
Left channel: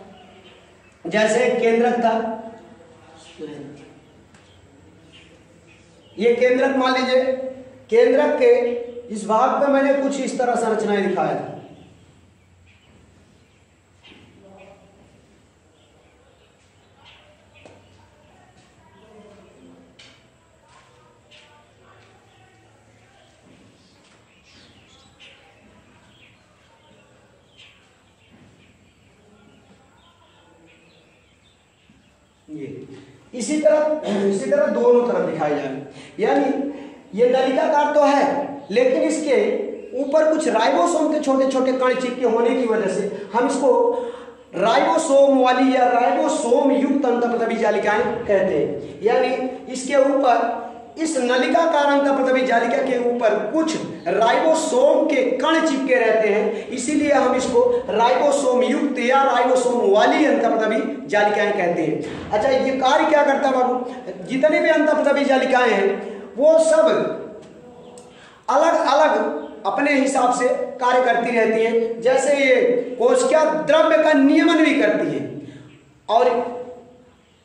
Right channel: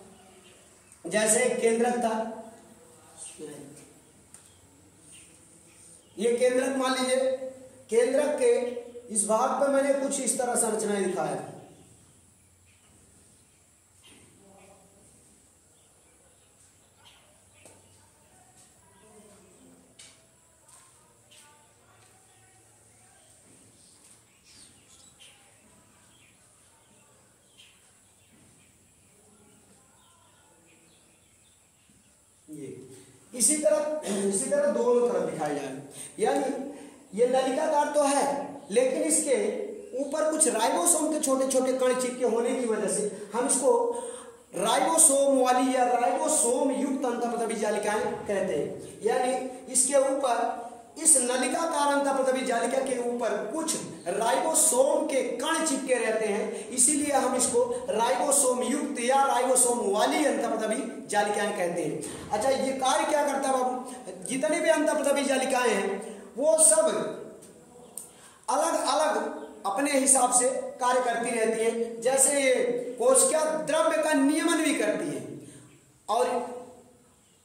जैसे केंद्रक था, ये केंद्रक मान लीजिए। केंद्रक के इस भाग पर मैंने कुछ इस तरह संरचनाएं दिखाया था। इसी तरह दोनों तरफ दिखाई जाए, यानी ये नलिकाकार तो है लेकिन इसके ऊपर कुछ राइबोसोम के छोटे छोटे कण चिपके होने की वजह से हम इसको राइबोसोम वाली या राइबोसोम युक्त अंतःप्रद्रवी जालिकाएं कहते हैं। यानी इसके ऊपर, इस नलिकाकार अंतःप्रद्रवी जालिका के ऊपर कुछ राइबोसोम के कण चिपके रहते हैं, इसीलिए हम इसको राइबोसोम युक्त या राइबोसोम वाली अंतःप्रद्रवी जालिकाएं कहते हैं। अच्छा, ये कार्य क्या करता है बाबू? जितने भी अंतःप्रद्रवी जालिकाएं हैं वो सब अलग अलग अपने हिसाब से कार्य करती रहती है। जैसे ये कोशिका द्रव्य का नियमन भी करती है और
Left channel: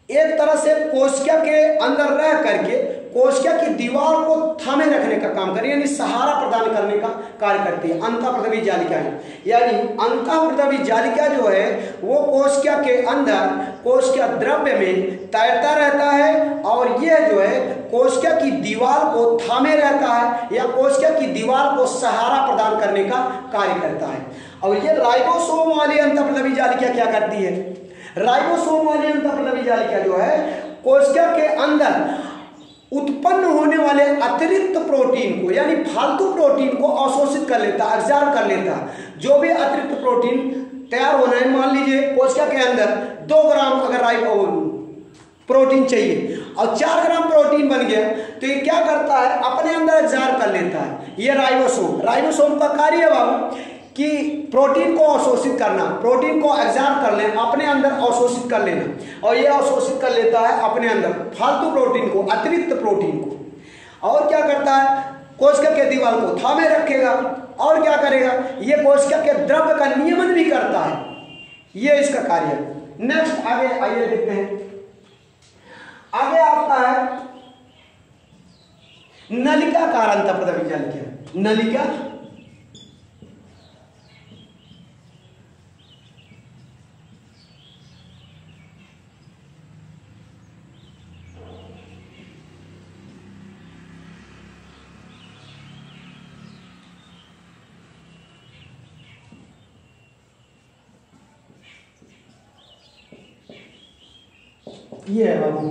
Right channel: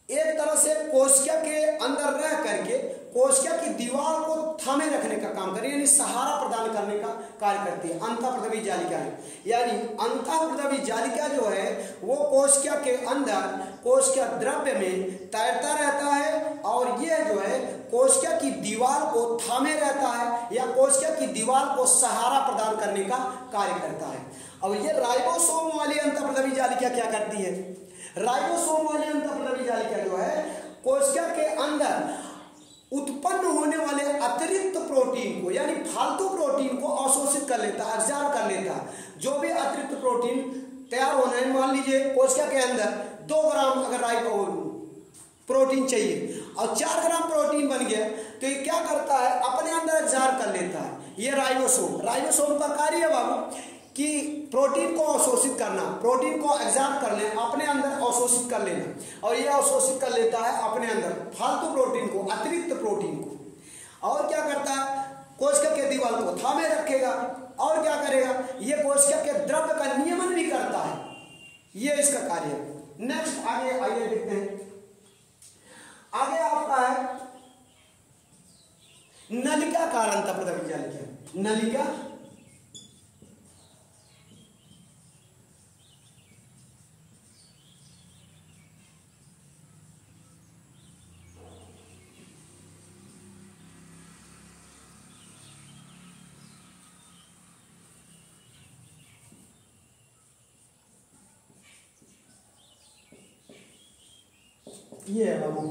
एक तरह से कोशिका के अंदर रह करके कोशिका की दीवार को थामे रखने का काम करे, यानी सहारा प्रदान करने का कार्य करती है अंतःप्रद्रवी जालिका। यानी अंतःप्रद्रवी जालिका जो है वो कोशिका के अंदर कोशिका द्रव्य में तैरता रहता है और यह जो है कोशिका की दीवार को थामे रहता है या कोशिका की दीवार को सहारा प्रदान करने का कार्य करता है। और ये राइबोसोम वाली अंतःप्रद्रवी जालिका क्या करती है? राइबोसोम वाली अंतःप्रद्रवी जालिका जो है कोशिका के अंदर उत्पन्न होने वाले अतिरिक्त प्रोटीन को यानी फालतू प्रोटीन को अवशोषित कर लेता, एब्जॉर्ब कर लेता। जो भी अतिरिक्त प्रोटीन तैयार होना है, मान लीजिए कोशिका के अंदर 2 ग्राम अगर प्रोटीन चाहिए और 4 ग्राम प्रोटीन बन गया तो ये क्या करता है? अपने अंदर एब्जॉर्ब कर लेता है। ये राइबोसोम का कार्य है बाबू कि प्रोटीन को अवशोषित करना, प्रोटीन को एब्जॉर्ब कर लेना, अपने अंदर अवशोषित कर लेना, और ये अवशोषित कर लेता है अपने अंदर फालतू प्रोटीन को, अतिरिक्त प्रोटीन को। और क्या करता है? कोशिका के दीवार को थामे रखेगा और क्या करेगा? ये कोशिका के द्रव्य का नियमन भी करता है, ये इसका कार्य है। नेक्स्ट आगे आइए देखते हैं। आगे आपका है नलिकाकार अंतःप्रद्रवी जालिका। नलिका ये है बाबू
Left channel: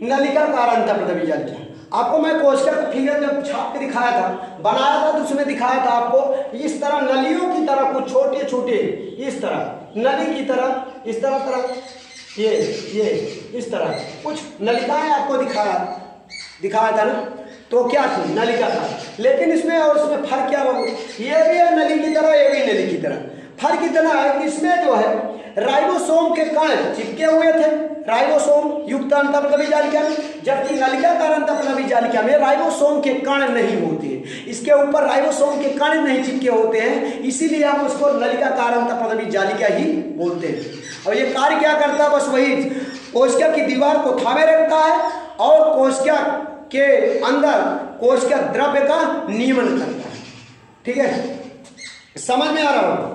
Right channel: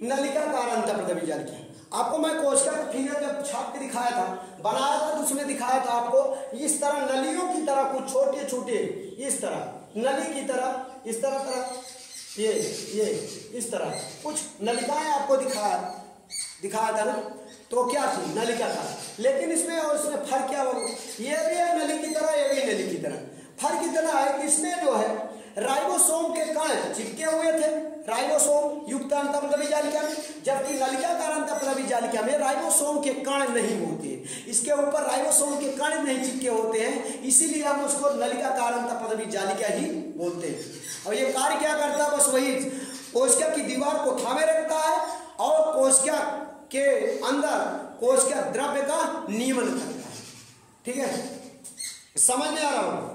नलिकाकार अंतःप्रदवी जालिका। आपको मैं कोशिका का फिगर जब छाप के दिखाया था, बनाया था, तो उसमें दिखाया था आपको इस तरह नलियों की तरह कुछ छोटे छोटे इस तरह नली की तरह इस तरह ये इस तरह कुछ नलिकाएं आपको दिखाया था ना। तो क्या थी नलिका था, लेकिन इसमें और इसमें फर्क क्या बाबू, ये भी है नली की तरह, ये भी नली की तरह। फर्क इतना है कि इसमें जो है राइबोसोम के कण चिपके हुए थे राइबोसोम युक्त अंतःप्रदवी जालिका में, जबकि नलिकाकार अंतःप्रदवी जालिका में राइबोसोम के कण नहीं होते, इसके ऊपर राइबोसोम के कण नहीं चिपके होते हैं, इसीलिए हम उसको नलिकाकार अंतःप्रदवी जालिका ही बोलते हैं। और ये कार्य क्या करता है, बस वही कोशिका की दीवार को थामे रखता है और कोशिका के अंदर कोशिका द्रव्य का नियमन करता है। ठीक है, समझ में आ रहा होगा।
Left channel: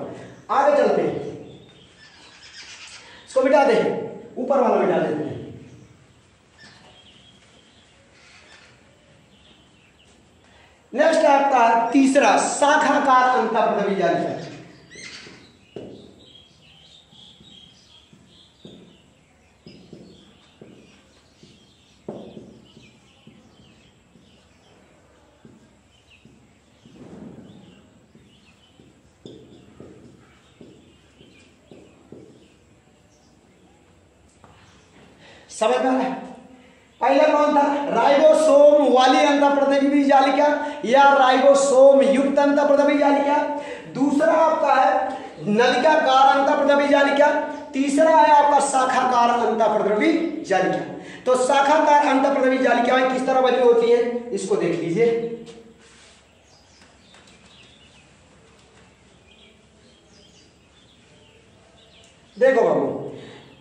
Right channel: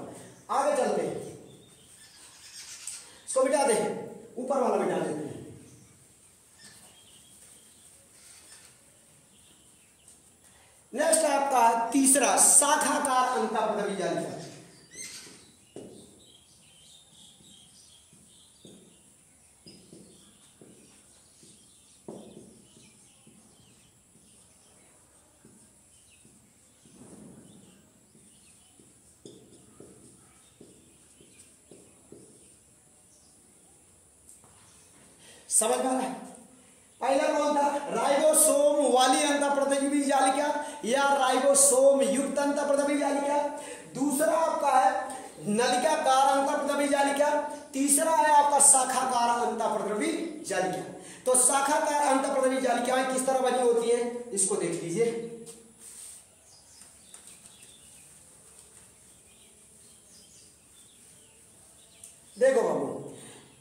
आगे चलते हैं, इसको मिटा दे, ऊपर वाला मिटा देते हैं। नेक्स्ट है आपका तीसरा शाखाकार अंतःप्रदवी जालिका। समझ में आ रहा है। पहला कौन था, राइबोसोम वाली अंतःप्रदवी जालिका या राइबोसोम युक्त अंतःप्रदवी जालिका। दूसरा आपका है नलिकाकार अंतःप्रदवी जालिका। तीसरा है आपका शाखाकार अंतःप्रदवी जालिका। तो शाखाकार अंतःप्रदवी जालिकाएं किस तरह बनी होती है, इसको देख लीजिए। देखो बाबू,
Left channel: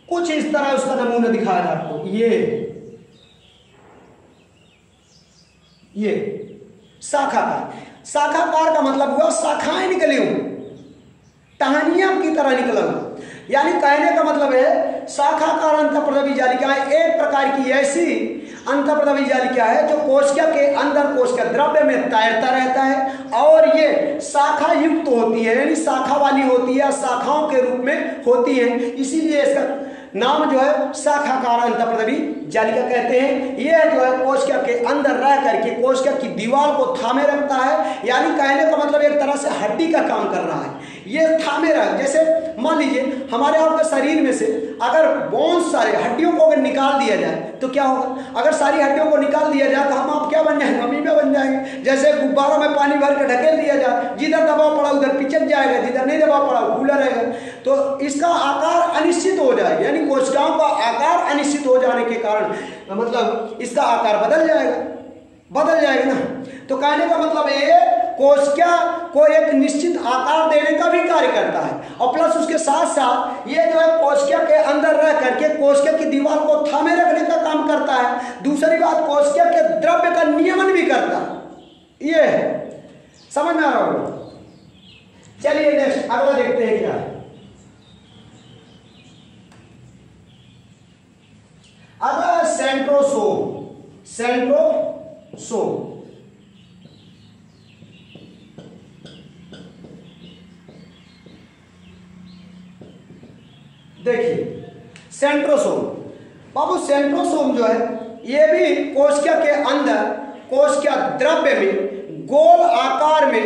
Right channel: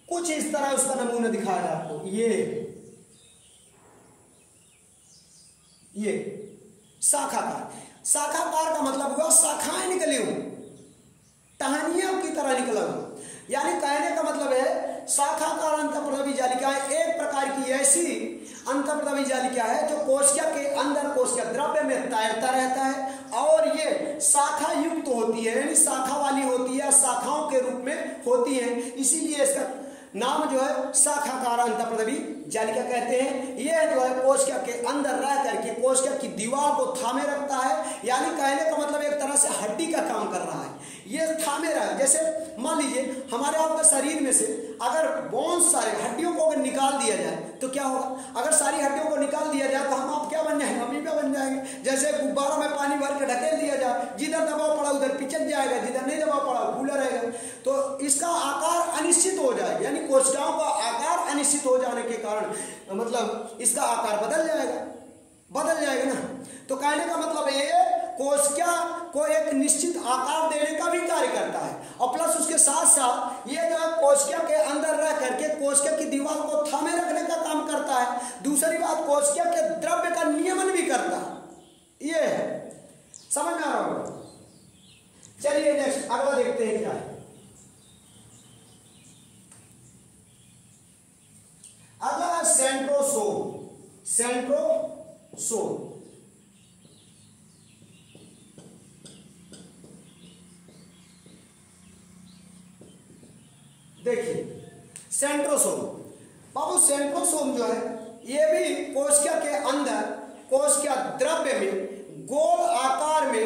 कुछ इस तरह उसका नमूना दिखाया था आपको। ये शाखाकार का मतलब हुआ शाखाएं निकली हुई, टहनियां की तरह निकला। यानी कहने का मतलब है शाखाकार अंतःप्रदवी जालिका एक प्रकार की ऐसी अंतःप्रदवी जालिका है जो कोशिका के अंदर कोशिका द्रव्य में तैरता रहता है और ये शाखा युक्त होती है, यानी शाखा वाली होती है, शाखाओं के रूप में होती है, इसीलिए इसका नाम जो है शाखाकार अंतःप्रदवी जालिका कहते हैं। यह जो है कोशिका के अंदर रह करके कोशिका की दीवार को थामे रखता है, यानी कहने का मतलब एक तरह से हड्डी का काम कर रहा है, ये थामे रहा। जैसे मान लीजिए हमारे आपके शरीर में से अगर बहुत सारे हड्डियों को अगर निकाल दिया जाए तो क्या होगा, अगर सारी हड्डियों को निकाल दिया जाए तो हम आप क्या बन जाएंगे, अमीबा बन जाएंगे। जैसे गुब्बारों में पानी भर के ढकेल दिया जाए, जिधर दबाव पड़ा उधर पिचक जाएगा, जिधर नहीं दबाव पड़ा फूला रहेगा, तो इसका आकार अनिश्चित हो जाएगा। यानी कोशिकाओं का आकार अनिश्चित हो जाने के कारण मतलब इसका आकार बदल जाएगा ना। तो कहने का मतलब ये कोशिका को एक निश्चित आकार देने का भी कार्य करता है और प्लस उसके साथ साथ ये जो है कोशिका के अंदर रह करके कोशिका की दीवार को थामे रखने का काम करता है। दूसरी बात कोशिका के द्रव्य का नियमन भी करता है। ये है, समझ में आ रहा होगा। चलिए नेक्स्ट अगला देखते हैं क्या है। अगला सेंट्रोसोम। देखिए सेंट्रोसोम बाबू, सेंट्रोसोम जो है ये भी कोशिका के अंदर कोशिका द्रव्य में गोल आकार में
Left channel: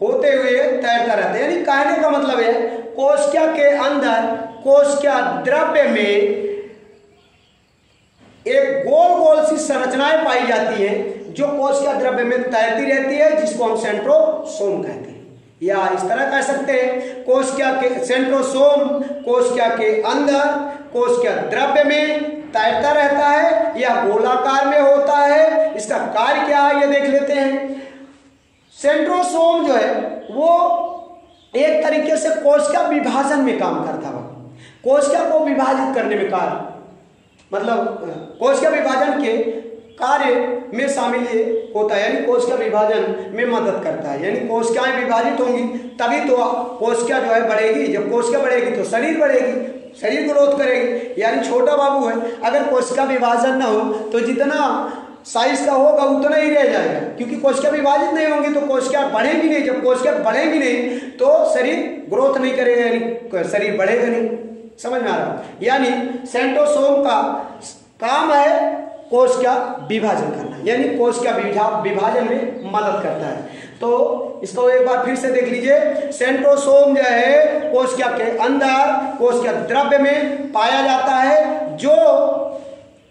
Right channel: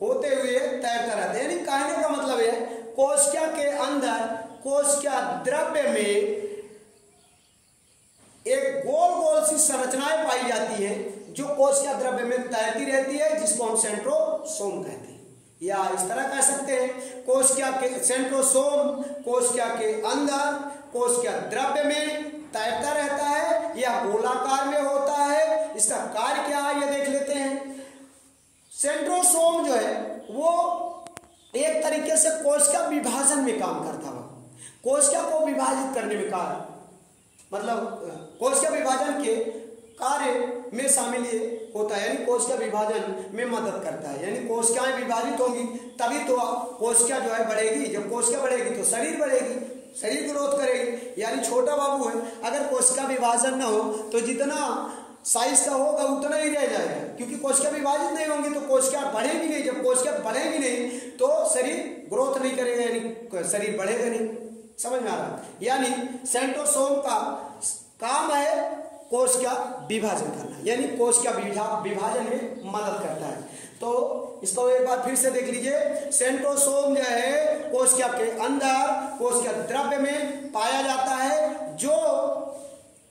होते हुए तैरता रहता है। यानी कहने का मतलब है कोशिका के अंदर कोशिका द्रव्य में एक गोल गोल सी संरचनाएं पाई जाती है जो कोशिका द्रव्य में तैरती रहती है, जिसको हम सेंट्रोसोम कहते हैं। या इस तरह कह सकते हैं कोशिका के सेंट्रोसोम कोशिका के अंदर कोशिका द्रव्य में तैरता रहता है या गोलाकार में होता है। इसका कार्य क्या है ये देख लेते हैं। सेंट्रोसोम जो है वो एक तरीके से कोशिका विभाजन में काम करता है, कोशिका को विभाजित करने में कार्य, मतलब कोशिका विभाजन के कार्य में शामिल ये होता है, यानी कोशिका विभाजन में मदद करता है। यानी कोशिकाएं विभाजित होंगी तभी तो कोशिका जो है बढ़ेगी, जब कोशिका बढ़ेगी तो शरीर बढ़ेगी, शरीर ग्रोथ करेगी। यानी छोटा बाबू है, अगर कोशिका विभाजन ना हो तो जितना साइज का होगा उतना ही रह जाएगा, क्योंकि कोशिका विभाजित नहीं होंगी तो कोशिका बढ़ेगी नहीं। जब कोशिका बढ़ेगी नहीं तो शरीर ग्रोथ नहीं करेगा, यानी शरीर बढ़ेगा नहीं। समझ में आ रहा? यानी सेंट्रोसोम का काम है कोशिका विभाजन करना, यानी कोशिका विभाजन में मदद करता है। तो इसको एक बार फिर से देख लीजिए। सेंट्रोसोम जो है कोशिका के अंदर कोशिका द्रव्य में पाया जाता है, जो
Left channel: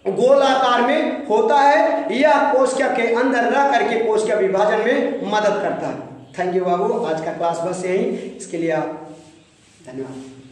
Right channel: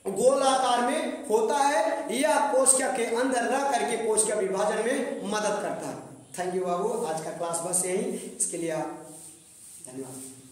गोलाकार में होता है, या कोशिका के अंदर रह करके कोशिका विभाजन में मदद करता है। थैंक यू बाबू, आज का क्लास बस यही, इसके लिए आप धन्यवाद।